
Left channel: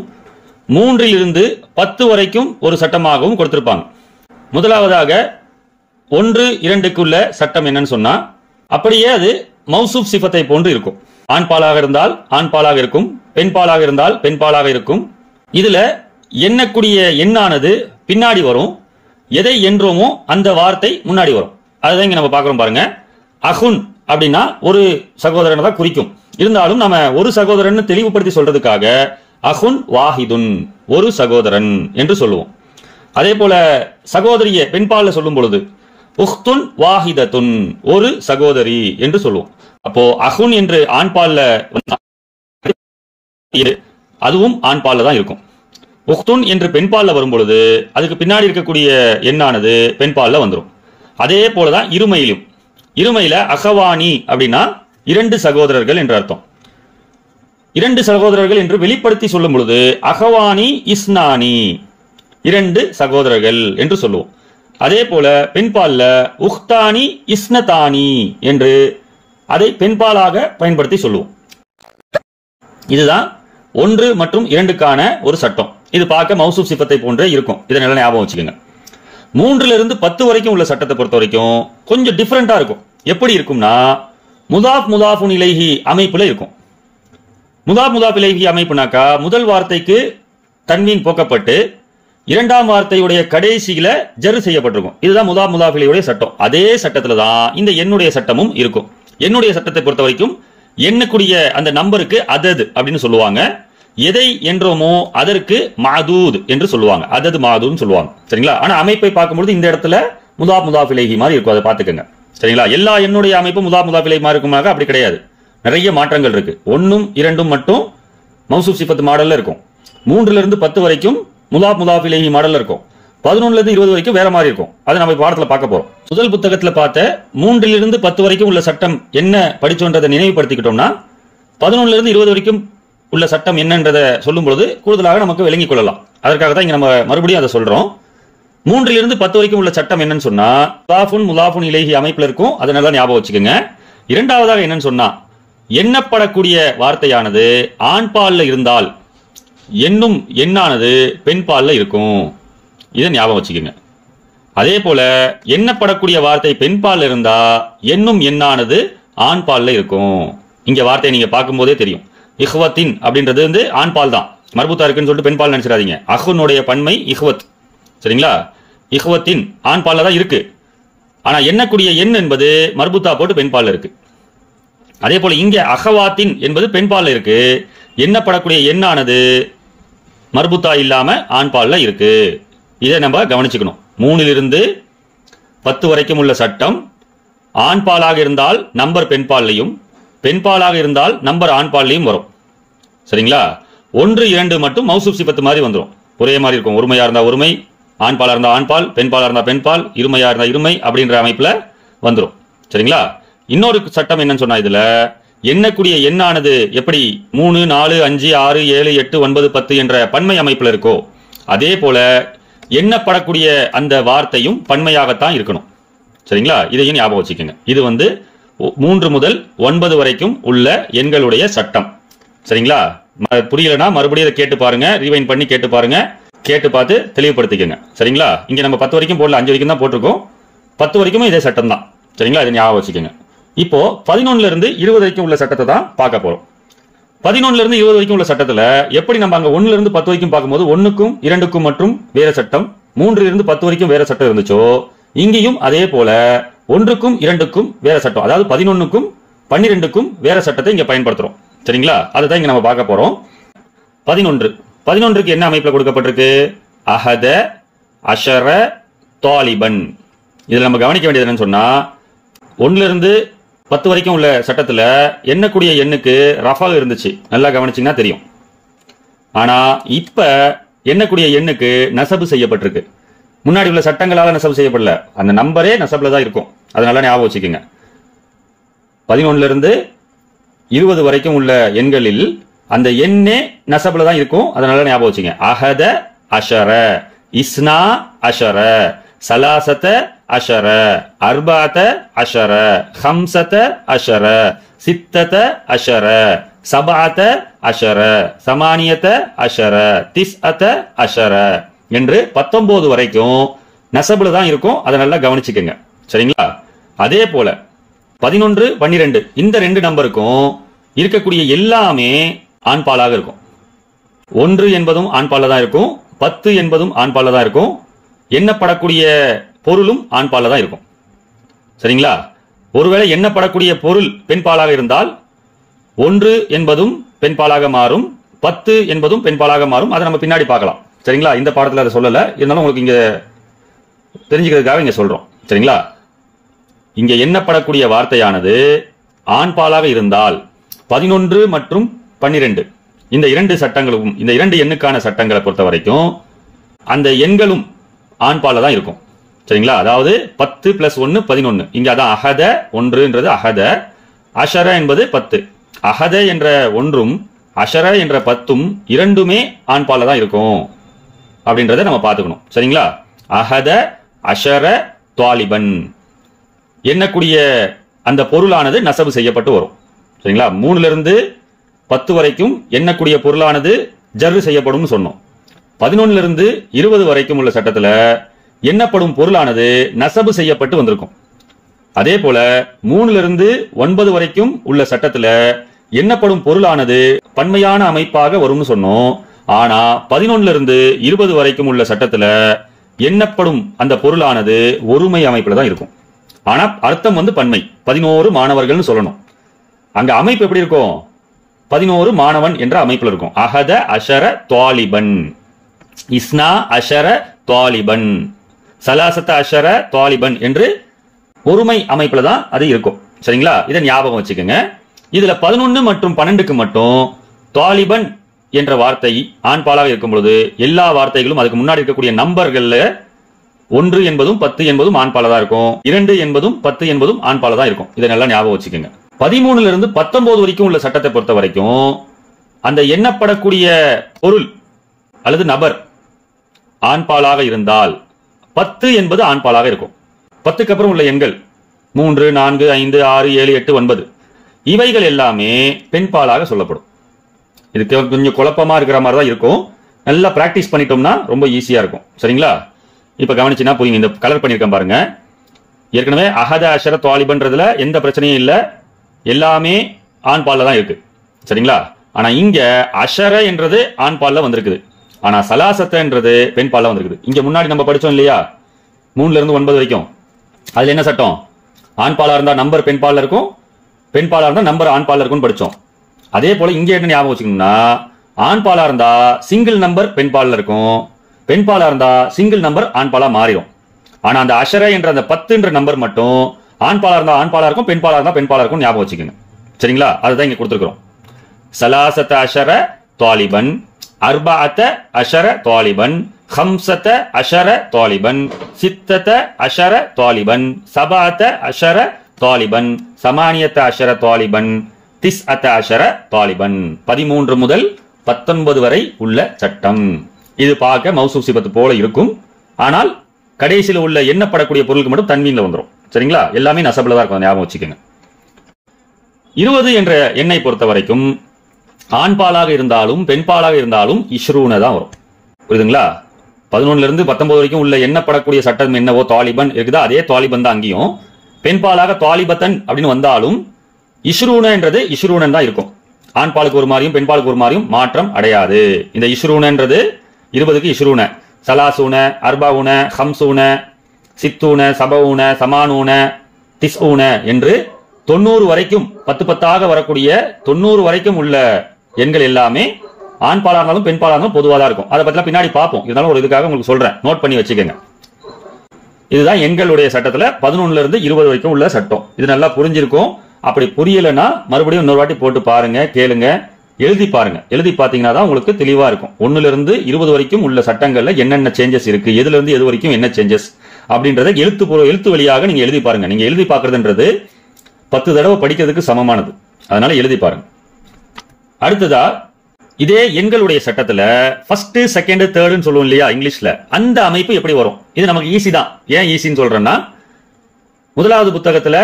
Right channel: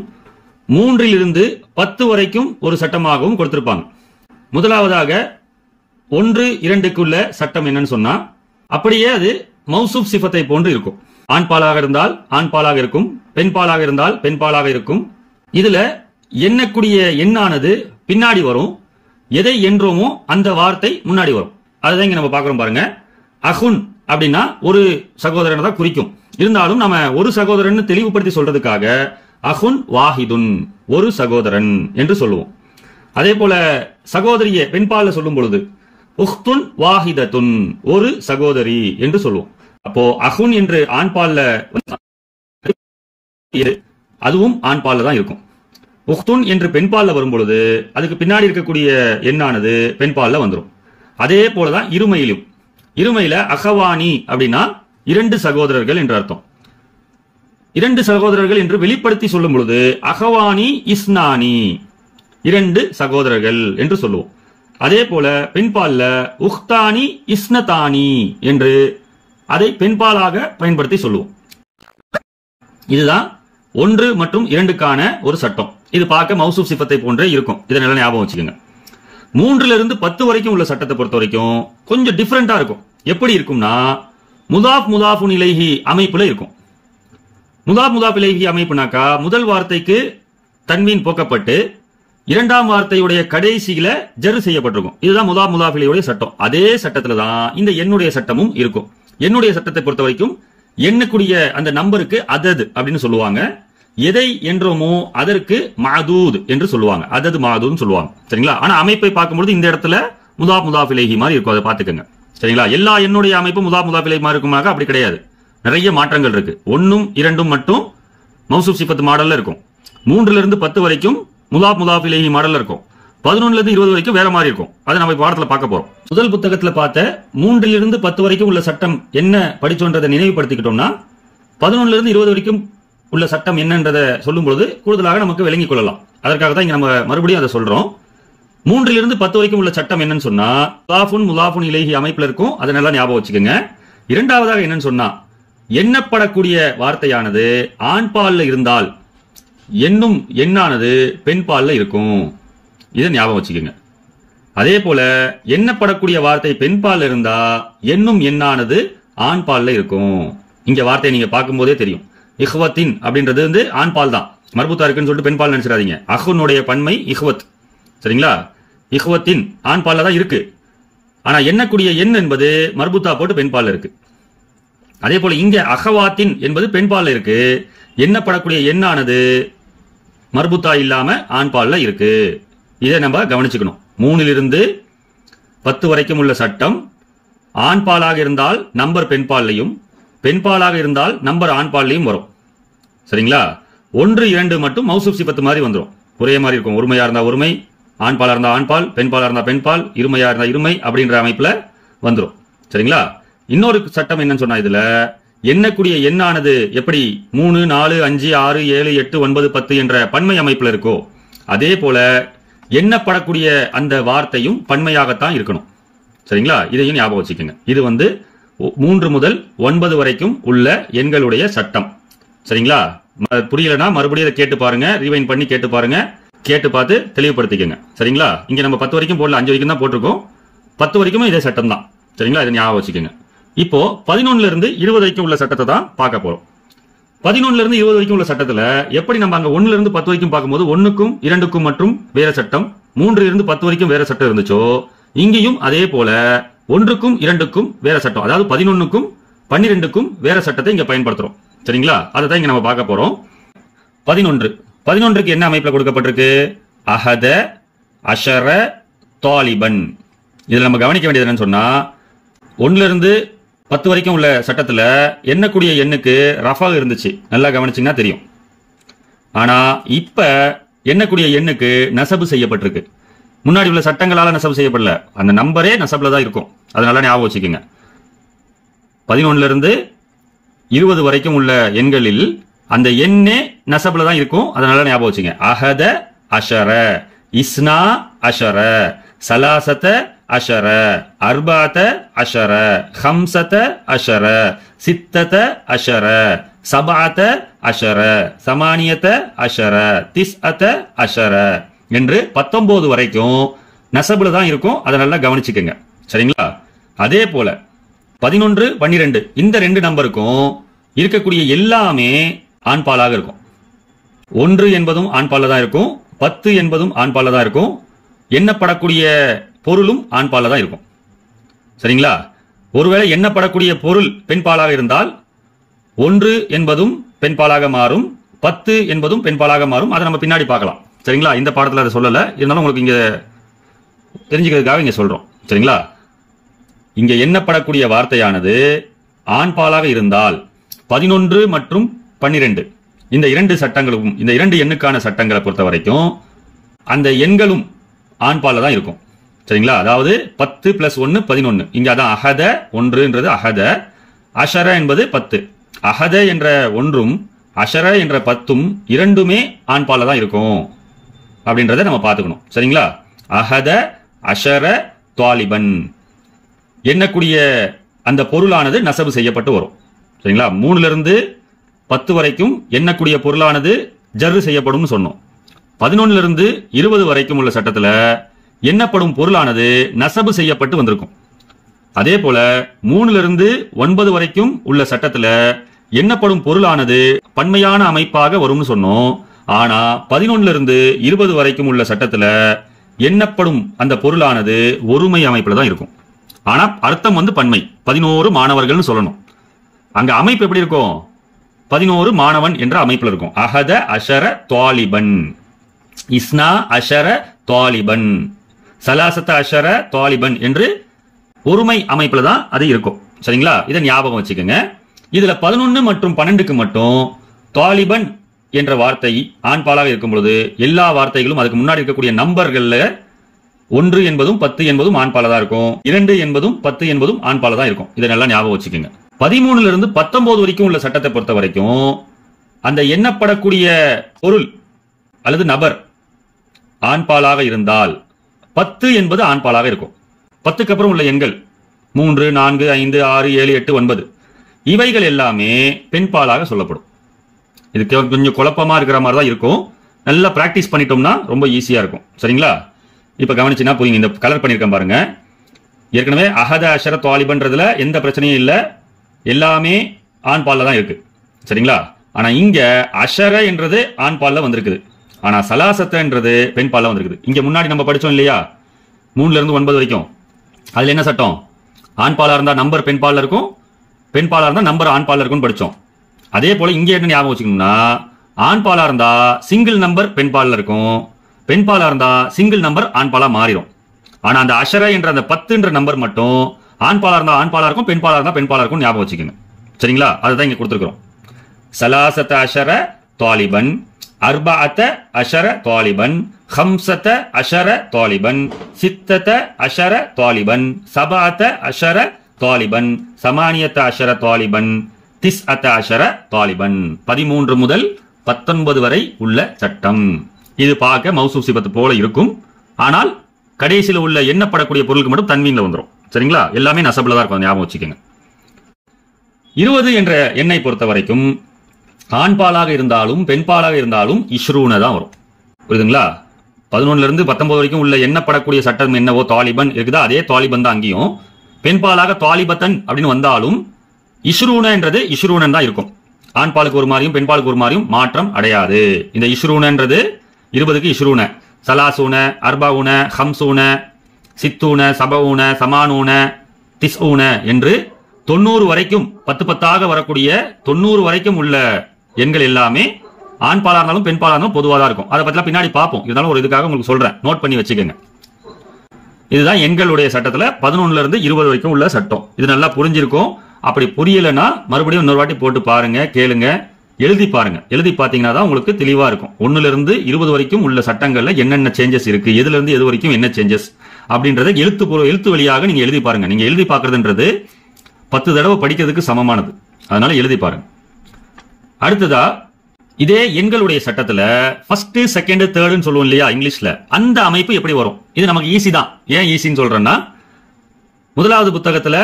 3 to 10 வரைக்கும் ஒரு சட்டமாகவும் கொடுத்திருப்பாங்க. முதலாவதாக 1, 2க்குள்ள சட்டம் என்னன்னு சொன்னா, அப்படியே அது மௌசூப் சிஃபத்தை போன்று இருக்கும். ஆண் பாலாக இருந்தால் ஆண் பாலாக இருக்கும், பெண் பாலாக இருந்தால் பெண் பாலாக இருக்கும். இதுல எண்ணக்கூடிய எண்ணானது பின்னாடி வரும், எதை என்றோமோ அந்த வார்த்தை முன்னாடி வரும். அதுதான் இங்க நம்ம பார்க்கிறோம் பாருங்க. அஹுன் அப்படின்னா ஒரு சகோதரனை தான் குறிக்கும். இருந்தாலும் நம்ம ஒரு சகோதரன் தெளிவுபடுத்தி சொல்றதுக்காக அஹுன் வாஹிதுன், ஒரு சகோதரன் என்று சொல்லுவோம். அதே போல சகோதரிய பெண்பால சொல்லும் பொழுது உஹ்துன் வாஹிதத்துன், ஒரு சகோதரி என்று சொல்லுவோம். அப்போ அஹுன் என்று ஆண்பால்ல அதுவும் ஆண்பால்ல தான் இருக்கும். உஹ்துன் என்று பெண்பால்ல வரும் பொழுது அதுக்கு பின்னாடி இருக்கக்கூடிய எண்ணானது பெண்பால்ல வந்துடும். அதே போலதான் இருமையிலும். இருமையில அகவானி அப்படின்னா 2 சகோதரர்கள் என்று அர்த்தம். 2 சகோதரர்கள் என்று வெளிப்படுத்தி சொல்லும் பொழுது அகவானி இஸ்னானி, 2 சகோதரர்கள் என்று சொல்லுவோம். அதே போல பெண்பால்ல உஹ்தானி இஸ்னதானி என்று அதை பெண்பாலாக பயன்படுத்தி சொல்லுவோம். இதுதான் 1 மற்றும் 2க்கான ஒரு சட்டம். இது பார்க்க மௌசூப் சிஃபத்தை போன்றே இருக்கும். இதை நல்லா ஞாபகம் வச்சுக்கோங்க. 3 to 10 வரைக்கும் உள்ள சட்டத்தை பொறுத்த வரைக்கும் கொஞ்சம் டிஃபரெண்டா இருக்கும். எப்படி இருக்கும்னா, முதாஃப் முதாஃபுன் இலைஹி அமைப்புல இருக்கும். முதாஃப் முதாஃப் இலைஹி அமைப்புனாக்கா முதல் வார்த்தைக்கு தன்வீன் போக்கப்பட்டு இரண்டாம் வார்த்தையுடைய கடைசியில ஜர் செய்யப்பட்டிருக்கும். இதுதான் முதாஃப் முதாஃப் இலைஹியுடைய சட்டம். அதே சட்டத்துல தான் இந்த எண்ணுடைய சட்டமும் இருக்கும். எண்ணுடைய சட்டத்தை பொறுத்த வரைக்கும் எண்ணக்கூடிய அந்த நம்பருக்கு அதது அப்படின்னு சொல்லுவாங்க. எதை என்றோமோ அதற்கு மாதூத் என்று சொல்லுவாங்க. அதது மாதூத் சொல்லுவாங்க. சரிங்களா? ஆனா அமைப்பை பார்க்கும்போது இந்த இடத்துல முதாஃப் முதாஃப் இலைஹி மாதிரி இருக்கும். அதை பார்த்துக்கங்க. சரிங்களா? எல்லா எண்ணுடைய அமைப்பு முதாஃப் முதாஃப் இலைஹி மாதிரி இருக்குமாக்க அப்படி கிடையாது. நிறைய மாற்றங்கள் இருக்கு. 1, 2 மட்டும் மௌசூப் சிஃபத் மாடல்ல இருக்கும். 3 to 10 வரைக்கும் முதாஃப் முதாஃப் இலைஹி மாடல்ல இருக்கும். 11 to 20 வரைக்கும் வேற மாதிரி இருக்கும். அதை நம்ம பாடத்துல பார்க்க போறோம். முதல் புத்தகத்துல பார்த்த 3 to 10 வரைக்கும் உள்ள சட்டம் என்ன படிச்சோன்றதை நினைவுபடுத்திக்கிட்டோம்னா 11 to 20 வரைக்கும் உள்ள சட்டம் என்னன்றதை சொல்லும் பொழுது கூடுதலாக நமக்கு விளங்கிக் கொள்ளலாம். அதற்காக தான் இங்க நம்ம மறுபடியும் அதை சொல்றோம். 3 to 10 வரைக்கும் உள்ள சட்டம் என்னன்னு சொன்னா முதாஃபுன் முதாஃபுன் இலைஹி அமைப்புல இருக்கும். அதை நல்லா ஞாபகம் வச்சுக்கோங்க. இரண்டாவதாக என்னன்னு சொன்னா, எண்ணப்படக்கூடிய வார்த்தையானது ஆண் பால்ல இருந்தால் எண்ணும் எண்ணானது பெண் பால்ல இருக்கும். இதை ஞாபகம் வச்சுக்கோங்க. அதே போல எண்ணப்படக்கூடிய வார்த்தை பெண் பால்ல இருந்தா எண்ணும் எண்ணானது ஆண் பால்ல இருக்கும். இங்க வார்த்தையை நீங்க பார்க்கும் போதே தெரியும். இஹ்வத்தின் அப்படின்றது வந்து ஆண் பால் தான், மர்பூத்தா இருக்குன்னு சொல்லிட்டு பெண் பால் நினைச்சிடாதீங்க. அஹுனுடைய பன்மை இஹ்வத். சரிங்களா? இஹ்வத்தின் ஆண் பால்ல தான் இருக்கு. ஆனா எண்ணக்கூடிய எண் என்பது மர்பூத்தா போட்டு பெண் பால்ல இருக்கு. அதே போல இங்க அகவாத்தின் என்பது பெண் பால்ல இருக்கு. எண்ணப்படக்கூடிய எண்ணானது மர்பூத்தா இல்லாம ஆண் பால்ல இருக்கு. இதை நம்ம கவனிச்சுக்கணும். 3 to 10 வரைக்கும் உள்ள சட்டம் ஆண் பாலாக இருந்தால் நம்பர் பெண் பால்லையும், பெண்பாலாக இருந்தால் நம்பர் ஆண்பால்லையும் வரும். சரிங்களா? 1, 2 மட்டும் மௌசூப் சிபத்து மாதிரி வந்துடும். ஒரே மாதிரி இருக்கும். ஒருமையா இருந்தா ஒருமை, ஆண்பாலா இருந்தா ஆண்பால், பெண்பாலா இருந்தா பெண்பால், இருமையா இருந்தா இருமை அப்படின்ற அமைப்புல வந்துடும். சரிங்களா? இன்னொரு சட்டம் என்னன்னு சொன்னா, இதுல எண்ணக்கூடிய எண்ணானது எப்படி 3, 4, 5, 6, 7, 8, 9, 10 என்ற பன்மை அமைப்புல இருக்கோ அதே போல எண்ணப்படக்கூடிய அந்த வார்த்தையும் பன்மையாகத்தான் இருக்கணும். சரிங்களா? இதையும் ஞாபகம் வச்சுக்கோங்க. இது 3 முதல் 9 வரைக்கும் உள்ள எண்களுடைய சட்டம். சரிங்களா? புரியலனா மறுபடியும் கேட்டு பாருங்க, ரீவைண்ட் பண்ணி கேட்டு பாருங்க, கேட்டு பார்த்து தெளிவுபடுத்திக்கங்க. சரிங்களா? இங்க நம்ம 10 வரைக்கும் போடல, 5 வரைக்கும் தான் போட்டிருக்கோம். 10 வரைக்கும் இதே சட்டம் தான். சரிங்களா? இதை ஞாபகம் வச்சுக்கோங்க. இப்போ 11ல இருந்து 20 வரைக்கும் உள்ள சட்டத்தை தான் பார்க்க போறோம். 11ல இருந்து 20 வரைக்கும் உள்ள சட்டத்துல எப்படி நம்ம அங்க 1ல இருந்து 10 வரைக்கும் பார்க்கும்போது 1க்கும் 2க்கும் மற்றும் வேற சட்டம், 3ல இருந்து 10 வரைக்கும் வேற சட்டம் இருந்துச்சோ, இங்கேயும் அதே போல 1க்கும் 2க்கும் வேற சட்டம், அதாவது 11க்கும் 12க்கும் வேற சட்டத்தை இங்க பயன்படுத்துறோம். சரிங்களா? அதை தான் இங்க நம்ம பார்க்க போறோம். 11க்கு என்ன அமைப்புல கொடுக்கப்பட்டிருக்கு? அஹத, அஷர, தாலிபன். இதுல நம்ம கவனிக்க வேண்டியது என்னன்னு சொன்னா, 1ல இருந்து 10 வரைக்கும் உள்ள சட்டத்துல எண்ணக்கூடிய எண்ணுக்கு ரஃபா இருந்துச்சு, நல்லா கவனிச்சீங்கன்னா தெரியும். ஆனா இப்ப எண்ணக்கூடிய எண்ணுக்கு நசபு செய்யப்பட்டிருக்கு. முன்னாடி உள்ள சட்டங்களால நசபு செய்யப்படல, அந்த நம்பரே நசபுல தான் இருக்கும். அதனால ஞாபகம் வச்சுக்கோங்க. 11ல இருந்து 20 வரைக்கும் உள்ள எண்களில் அந்த எண்ணே நசபுல தான் இருக்கும். அதனால ஞாபகம் வச்சுங்க. அஹத அஷர, இஸ்னா அஷர, சலாசத அஷர, அர்பாத அஷர, ஹம்சத அஷர, சித்தத அஷர, சபாத அஷர, சமானியத அஷர, திஸ்அத அஷர என்று 19 வரைக்கும் நசபுல தான் இருக்கும். அதனால கவனிச்சுக்கோங்க. சரிங்களா? அதே போல 11, 12 இந்த 2 நம்பருக்கும் இருக்கக்கூடிய எல்லாமே ஆண்பாலாக இருக்கும். 1 என்பதும் ஆண்பால தான் இருக்கும், 10 என்பதும் ஆண்பால தான் இருக்கும், எண்ணப்படக்கூடிய பொருளும் ஆண்பால தான் இருக்கும். சரிங்களா? ஒருவேளை எண்ணப்படக்கூடிய பொருள் பெண்பாலாக இருந்தால் 1 என்பதும் பெண்பாலாக மாறும், 10 என்பதும் பெண்பாலாக மாறும். அதை நம்ம பின்னாடி பார்க்கலாம். சரிங்களா? இந்த பாடத்துல அதை சொல்லல, இருந்தாலும் உங்களுக்கு இங்க தெரிஞ்சுக்கிறதுக்காக இங்க சொல்றோம். சரிங்களா? இங்க எண்ணப்படக்கூடிய வார்த்தையானது ஆண்பாலாக இருந்தால் 11 மற்றும் 12 இந்த 2 சட்டங்களும், இந்த 2 எண்ணுக்கான சட்டங்களை பொறுத்த வரைக்கும் அந்த எண்களும் ஆண்பால தான் இருக்கும். சரிங்களா? அதாவது 10 + 1 11. இங்க அதான் அஹத 1ன்றது அஹத, அஷர என்பது 10. அஹத என்ற 1ம் அஷர என்ற 10ம் இரண்டுமே ஆண்பால தான் இருக்கும் அப்படின்றத நம்ம பார்த்துக்கணும். சரிங்களா? அஹத அஷர தாலிபன் எண்ணக்கூடிய அந்த பொருளானது நசபு செய்யப்பட்டு வரும். சரிங்களா? 3ல இருந்து 10 வரைக்கும் எண்ணக்கூடிய பொருளானது ஜர்ரு செய்யப்படும் சொன்னோம். 11ல இருந்து 20 வரைக்கும் உள்ள சட்டத்துல எண்ணப்படும் பொருளானது நசபு செய்யப்பட்டு வந்திருக்கும். அதே போல 3ல இருந்து 9 வரைக்கும் உள்ள சட்டத்துல எண்ணப்படும் பொருளானது பன்மையான அமைப்பாக வரும்னு சொன்னோம். ஆனா 11ல இருந்து 20 வரைக்கும் உள்ள சட்டத்துல எண்ணப்படும் அந்த பொருளானது ஒருமை அமைப்புல தான் இருக்கும். ஆனா அர்த்தம் பன்மை. 11 மாணவர்கள்னு சொல்லணும். அங்க அமைப்பு எப்படி இருக்கும்? 11 மாணவன் என்ற அமைப்புல இருக்கும். அஹத அஷர தாலிபன், இஸ்னா அஷர தாலிபன், சலாசத்த அஷர தாலிபன் என்று ஒருமை அமைப்புல தான் அது இருக்கும். சரிங்களா? இதை ஞாபகம் வச்சுக்கோங்க. இதுல 11 மற்றும் 12க்கு மட்டும் தாலிபன் என்ற வார்த்தை ஆண்பாலாக இருக்கும் பொழுது எல்லா வார்த்தைகளும் அதுக்கு முன்னாடி இருக்கக்கூடிய நம்பர்கள்ல 1 என்பதும் 10 என்பதும் ஆண்பால தான் இருக்கும், 2 என்பதும் 10 என்பதும் ஆண்பால தான் இருக்கும். இதை நல்லா ஞாபகம் வச்சுக்கோங்க. 13ல இருந்து 19 வரைக்கும் உள்ள சட்டத்தை பொறுத்த வரைக்கும் அந்த எண்ணப்படக்கூடிய பொருள் அல்லது நபர் ஆண்பாலாக இருந்தால் 10 என்பது ஆண்பாலாக இருக்கும். 10க்கு அப்புறம் உள்ள எண்கள் 3, 4, 5, 6, 7, 8, 9 இவைகள் எல்லாமே பெண்பாலாக சொல்லப்படும். இது கொஞ்சம் குழப்பமா இருக்கிற மாதிரி தான் இருக்கும். நல்லா பிராக்டிஸ் பண்ணிட்டோம்னா ரொம்ப ஈஸியா இருக்கும். சரிங்களா? இப்ப கவனிச்சுன்னா புரியுங்க. இந்த கலர் பண்ணிருக்கேன் பாருங்க. ஏற்கனவே அஹத அஷர தாலிபன்றதுல எந்த பிரச்சனையும் இல்ல, எல்லாமே ஆண்பால்ல தான் இருக்கு. சரிங்களா? ஆனா இங்க அஷர என்றது ஆண்பால்ல வந்திருக்குது, ஆனா சலாசத்தன்றது பெண்பால்ல வந்திருக்குது. இங்க முன்னாடி நம்ம படிச்சோம் இல்லையா, 3ல இருந்து 9 வரைக்கும், அதுல என்ன சட்டம்? ஆண்பாலா இருந்தா நம்பர் பெண்பால்ல இருக்கும், பெண்பாலா இருந்தா நம்பர் ஆண்பால்ல இருக்கும்னு படிச்சோம். அதே போல இங்க என்ன ஞாபகம் வச்சுக்கணும்னா, ஆண்பாலா இருந்தா சிங்கிள் நம்பர் பெண்பால்ல இருக்கும், பெண்பாலா இருந்தா சிங்கிள் நம்பர் ஆண்பாலா மாறிடும். ஆனா அந்த அஷர என்ற அந்த 10ன்ற நம்பர் மட்டும் ஆண்பாலா இருந்தா ஆண்பாலா இருக்கும், பெண்பாலா இருந்தா பெண்பாலா இருக்கும். ஞாபகம் வச்சுக்கோங்க. சரிங்களா? அதுதான் இங்க கொடுத்திருக்கிறோம். சலாசத அஷர தாலிபன், அர்பஅத அஷர தாலிபன், ஹம்சத அஷர தாலிபன், சித்தத அஷர தாலிபன், சபஅத அஷர தாலிபன், சமானியத அஷர தாலிபன், திஸ்அத அஷர தாலிபன். 13 முதல் 19 வரை உள்ள சட்டம். இது பார்க்க மௌசூப் சிபத்து போல இருக்கும். ஆனால் கடைசியில் உள்ள எண்ணப்படக்கூடிய பொருளுக்கு மட்டும் தன்வீன்ல வந்துடும். சரிங்களா? எல்லாமே நசபுல தான் இருக்கும், ஞாபகம் வச்சுக்கோங்க. 20 என்ற எண்ணை பொறுத்த வரைக்கும் ஆண்பாலாக இருந்தாலும் பெண்பாலாக இருந்தாலும் இஷ்ரூன தான் வரும். புரியுதுங்களா? 11 இருந்து 19 வரைக்கும் உள்ள எண்ணப்படக்கூடிய சட்டம் என்னவோ தாலிபன் இருக்குதா, அதே தாலிபன் தான் அங்கேயும். பெண்பாலாக தாலிபத்தன் அப்படின்னு வந்தாலும் இஷ்ரூன என்றது இஷ்ரூனன் தான் இருக்கும். ஆண்பாலுக்கு ஒரு மாதிரியும் பெண்பாலுக்கு ஒரு மாதிரியும் மாற்றம் அடையாது. இந்த இஷ்ரூனன்றது 20க்கு இஷ்ரூன, சலாசூன, அர்பாவுன, ஹம்சூன, சித்தூன, சபவுன, சமானூன, திஸ்ஊன என்று 90 வரைக்கும் 10 வரக்கூடிய 90 வரைக்கும் உள்ள எண்கள் எல்லாமே ஆண் பாலா இருந்தாலும் பெண் பாலா இருந்தாலும் பொதுவாக தான் இருக்கும். அதை பத்தி பின்னாடி பார்ப்போம். இருந்தாலும் ஒரு இதுக்காக உங்களுக்கு சொல்றேன், நோட் பண்ணி வச்சுக்கோங்க. இதுதான் எண்களுடைய சட்டத்துல 11 இருந்து 20 வரைக்கும் உள்ள சட்டம். இது நல்லா புரிஞ்சிருக்கும். அப்படி புரியலன்னா மறுபடியும் இன்னொரு வாட்டி போட்டு பாருங்க, கேளுங்க, எழுதி பாருங்க. எழுதி பாத்தீங்கன்னா தான் உங்களுக்கு தெளிவா இருக்கும். 1 இருந்து 20 வரைக்கும் உள்ள சட்டங்கள்ல என்னென்ன சேஞ்சஸ் இருக்கு, எதுல இருந்து எது வரைக்கும் என்ன சேஞ்சஸ் அப்படின்றத எழுத்து வழியாக நீங்க எழுதி பாருங்க. நீங்க எழுதி பாக்குறதுன்றது 10 தடவை படிக்கிறதுக்கு சமமானது. அதனால எழுதி பாருங்க. அடுத்ததா இதே எண்களுடைய சட்டத்துல ஃபர்ஸ்ட், செகண்ட், தேர்ட்னு சொல்லுவோம் இல்லையா இங்கிலீஷ்ல, அந்த அமைப்பு எப்படி வரும்? இது நமக்கு ஈஸி தான். ஏன் ஈஸின்னு சொல்றேன்னா, முதலாவது புத்தகத்துல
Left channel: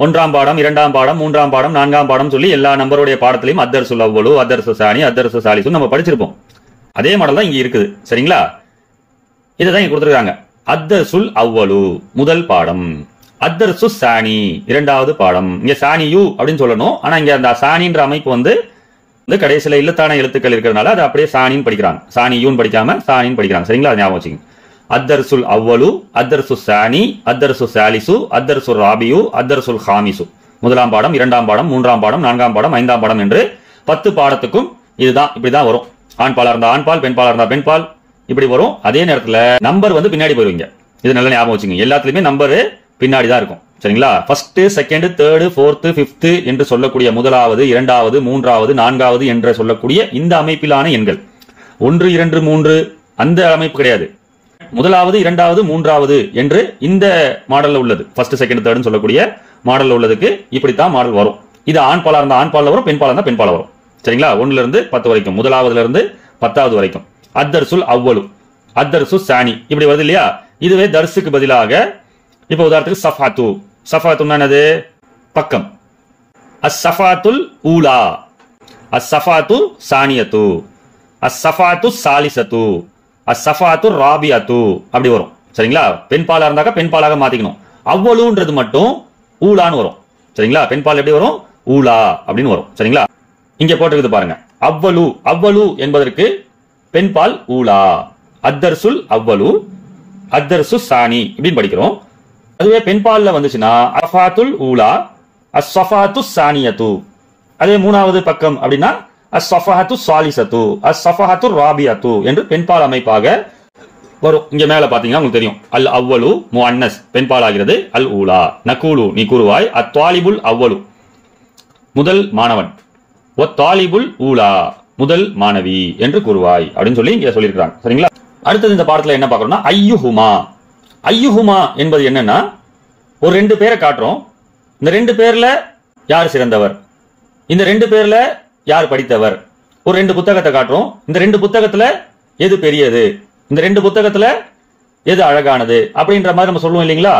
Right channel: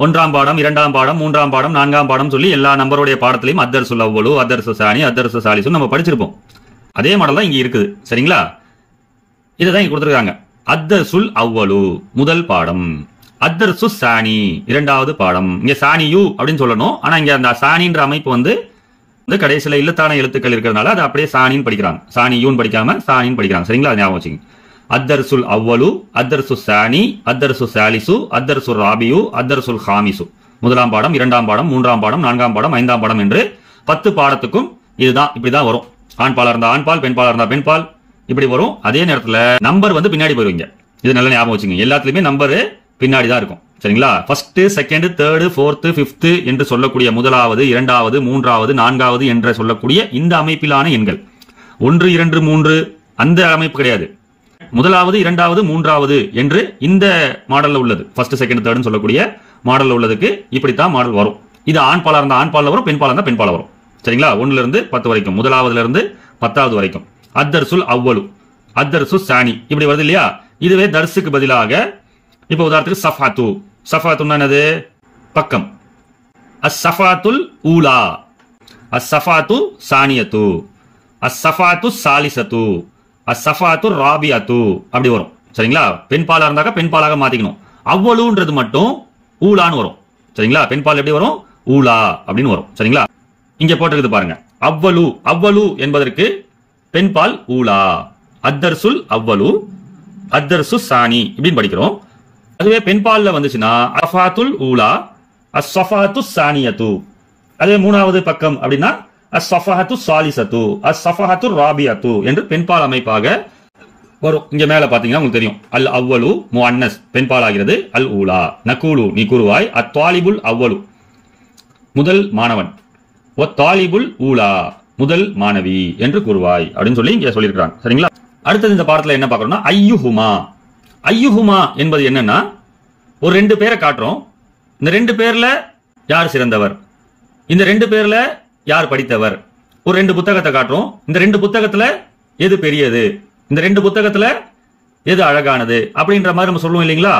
1ஆம் பாடம், 2ஆம் பாடம், 3ஆம் பாடம், 4ஆம் பாடம் சொல்லி எல்லா நம்பருடைய பாடத்திலையும் அத்தர்சுல் அவ்வலு, அத்தர்சு சானி, அத்தர்சு சாலிசு நம்ம படிச்சிருப்போம். அதே மாடல் தான் இங்க இருக்குது. சரிங்களா? இதுதான் இங்க கொடுத்திருக்காங்க. அத்தர்சுல் அவ்வலு முதல் பாடம், அத்தர்சு சானி இரண்டாவது பாடம். இங்க சானியு அப்படின்னு சொல்லணும். ஆனா இங்க அந்த சானின்ற அமைப்பு வந்து கடைசியில இல்லத்தான எழுத்துக்கள் இருக்கிறதுனால அது அப்படியே சானின்னு படிக்கிறாங்க. சானியூன்னு படிக்காம சானின்னு படிக்கிறாங்க. சரிங்களா? ஞாபகம் வச்சுங்க. அத்தர்சுல் அவ்வலு, அத்தர்சு சானி, அத்தர்சு சாலிசு, அத்தர்சு ராபியு, அத்தர்சுல் ஹாமிசு. முதலாம் பாடம், 2ஆம் பாடம், 3ஆம் பாடம், 4ஆம் பாடம், 5ஆம் பாடம் என்று 10 பாடத்துக்கும் இதுதான், இப்படிதான் வரும். ஆண் பாலா இருந்தா ஆண்பால், பெண் பாலா இருந்தா பெண்பால், இப்படி வரும். அதே நேரத்துல நம்பர் வந்து பின்னாடி போயிருவீங்க. இது நல்லா ஞாபகம் வச்சுங்க. எல்லாத்துலயுமே நம்பர் பின்னாடி தான் இருக்கும். சரிங்களா? First, second, third, fourth, fifth என்று சொல்லக்கூடிய முதலாவது, 2வது, 3வது, 4வது என்று சொல்லக்கூடிய இந்த அமைப்பிலான எண்கள் 1, 2, 3 அந்த அமைப்பு கிடையாது. முதலாவது, 2வது, 3வது என்று இந்த மாடல்ல உள்ளது. ஃபர்ஸ்ட், செகண்ட், தேர்ட்னு சொல்லக்கூடிய மாடல்ல உள்ளதுக்கு இப்படித்தான் மாடல் வரும். இது ஆண் பாலா இருந்தா ஆண் பால்ல வரும், பெண் பாலா இருந்தா பெண் பால்ல வரும். சரிங்களா? 1 இருந்து 10 வரைக்கும், முதலாவதுல இருந்து 10வது வரைக்கும். அத்தர்சுல் அவ்வலு, அத்தர்சு சானி இப்படி வருது இல்லையா? இதுவே தர்சுக்கு பதிலாக இப்ப உதாரணத்துக்கு சஃபாத்து. சஃபாத்துன்னா என்னது? பக்கம். அஸ்ஸஃபாத்துல் ஊலா, அஸ்ஸஃபாத்து சானியத்து, அஸ்ஸஃபாத்து சாலிசத்து, அஸ்ஸஃபாத்து ராபியத்து அப்படி வரும். சரிங்களா? பெண் பாலா இருந்தாக்க பெண் பாலாக மாத்திக்கணும். அவ்வளுன்றது மட்டும் ஊலான்னு வரும். சரிங்களா? பெண் பால் எப்படி வரும்? ஊலா அப்படின்னு வரும். சரிங்களா? இங்க போட்டிருக்குது பாருங்க. அவ்வலு, அவ்வலு என்பதற்கு பெண் பால் ஊலா. அத்தர்சுல் அவ்வலு, அத்தர்சு சானி இப்படின்னு படிக்கிறோம். அதுவே பெண்பால்ல வந்துச்சுன்னா அஃபாத்துல் ஊலா, அஸ்ஸஃபாத்து சானியத்து. அதே 3வது பக்கம் அப்படின்னா அஸ்ஸஃபாத்து சாலிசத்து, அஸ்ஸஃபாத்து ராபியத்து என்று பெண்பால் அமைப்பாக வரும். இங்க மேல பாத்தீங்கன்னா உங்களுக்கு தெரியும். அல் அவ்வலு முஅன்னஸ் பெண்பால் ஆகிறது. அல் ஊலா நகூலு நீ கூறுவாய். அத்தாலிபுல் அவ்வலு முதல் மாணவன், ஒத்தாலிபுல் ஊலா முதல் மாணவி என்று கூறுவாய் அப்படின்னு சொல்லி இங்க சொல்லியிருக்காங்க. சரிங்களா? அடுத்தது இந்த பாடத்துல என்ன பார்க்கறோம்னா ஐயுஹுமா. ஐயுஹுமா என்பது என்னன்னா, ஒரு 2 பேரை காட்டுறோம். இந்த 2 பேர்ல யார் சிறந்தவர், இந்த 2 பேர்ல யார் படித்தவர். ஒரு 2 புத்தகத்தை காட்டுறோம். இந்த 2 புத்தகத்துல எது பெரியது, இந்த 2 புத்தகத்துல எது அழகானது அப்படின்ற மாதிரி நம்ம சொல்லுவோம் இல்லைங்களா?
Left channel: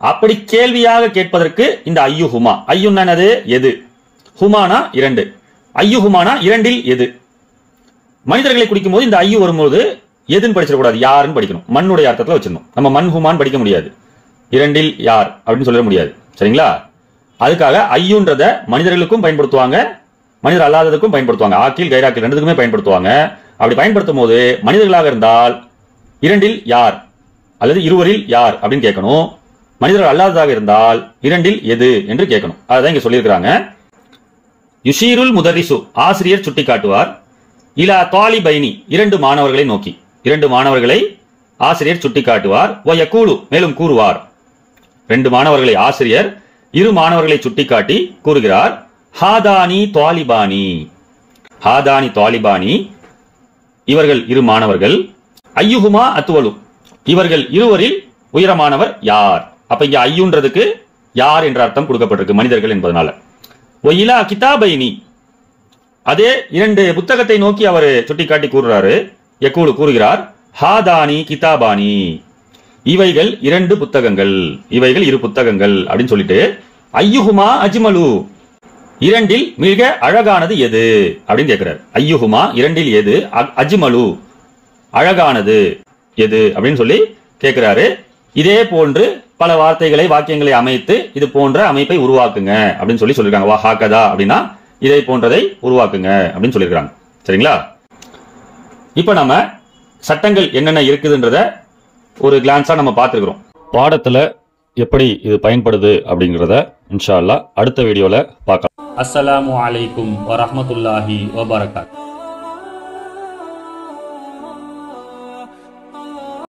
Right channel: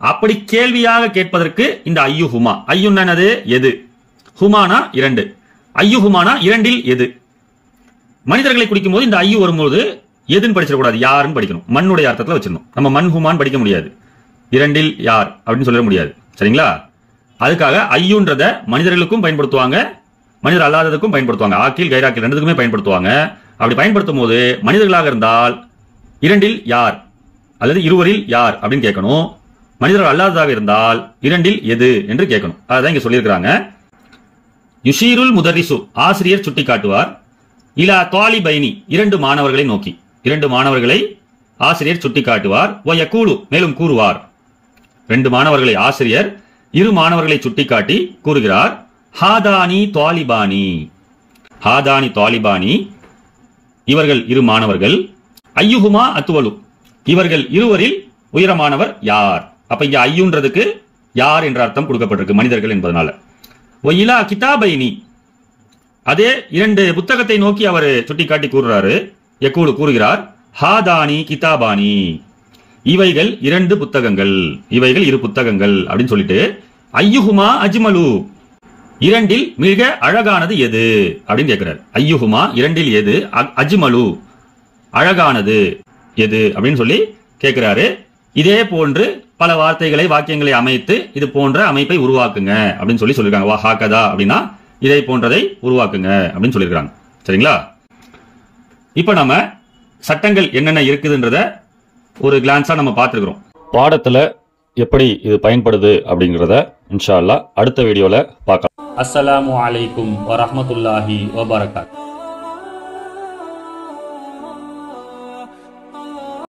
அப்படி கேள்வியாக கேட்பதற்கு இந்த ஐயுஹுமா. ஐயுன்னானது எது, ஹுமானா 2. ஐயுஹுமானா 2இல் எது. மனிதர்களை குறிக்கும் போது இந்த ஐயு வரும்போது எதுன்னு படிச்சிடக்கூடாது, யாருன்னு படிக்கணும். மண்ணுடைய அர்த்தத்துல வச்சிடணும். நம்ம மண் ஹுமான் படிக்க முடியாது, 2இல் யார் அப்படின்னு சொல்ல முடியாது. சரிங்களா? அதுக்காக ஐயுன்றத மனிதர்களுக்கும் பயன்படுத்துவாங்க, மனிதர் அல்லாததுக்கும் பயன்படுத்துவாங்க. ஆக்கில் கைராக்கில் ரெண்டுக்குமே பயன்படுத்துவாங்க. அப்படி பயன்படுத்தும் போது மனிதர்களாக இருந்தால் 2இல் யார் அல்லது 2வரில் யார் அப்படின்னு கேட்கணும். மனிதர்கள் அல்லாததாக இருந்தால் 2இல் எது என்று கேட்கணும். அதான் இங்க சொல்லியிருக்கிறாங்க. யுஷீருல் முதரிசு ஆசிரியர் சுட்டி காட்டுவார். இலா தாலிபைனி 2 மாணவர்களை நோக்கி, 2 மாணவர்களை ஆசிரியர் சுட்டி காட்டுவார். வயகூலு மேலும் கூறுவார். 2 மாணவர்களை ஆசிரியர் 2 மாணவர்களை சுட்டிக்காட்டி கூறுகிறார். ஹாதானி தாலிபானி. ஹாதானி தாலிபானி, இவர்கள் இரு மாணவர்கள். ஐயுஹுமா அத்துவலு, இவர்கள் இருவரில் உயரமானவர் யார்? அப்ப இங்க ஐயுன்றதுக்கு யார் என்ற அர்த்தம் கொடுக்கப்பட்டிருக்கு, மனிதர்கள் என்பதனால. ஒயிலா கிதாபைனி, அதே இரண்டு புத்தகத்தை நோக்கி அவர் சுட்டிக்காட்டி கூறுறாரு. யக்கூலு கூறுகிறார், ஹாதானி கிதாபானி, இவைகள் இரண்டு புத்தகங்கள், இவைகள் இரு புத்தகங்கள் அப்படின்னு சொல்லிட்டு, ஐயுஹுமா அஜ்மலு, இரண்டில் மிக அழகானது எது அப்படின்னு கேட்கிறார். ஐயுஹுமா, இரண்டில் எது, அஜ்மலு, அழகானது எது அப்படின்னு சொல்லி கேட்கிறாரு. இதே போன்று பல வார்த்தைகளை வாக்கியங்களை அமைத்து இது போன்ற அமைப்பை உருவாக்குங்க அப்படின்னு சொல்லி சொல்லிருக்காங்க. வாஹாகதா அப்படின்னா இதை போன்றதை உருவாக்குங்க அப்படின்னு சொல்லியிருக்காங்க. சரிங்களா? இப்ப நம்ம சட்டங்கள் என்னென்ன இருக்குதுன்றத ஒரு கிளான்ஸா நம்ம பார்த்துருக்கிறோம். பாடத்துல எப்படி இது பயன்படுது அப்படிங்கிறத இன்ஷா அல்லாஹ் அடுத்த வீடியோல பார்க்கலாம். அஸ்ஸலாமு அலைக்கும் வரஹ்மத்துல்லாஹி வபரகாத்துஹு.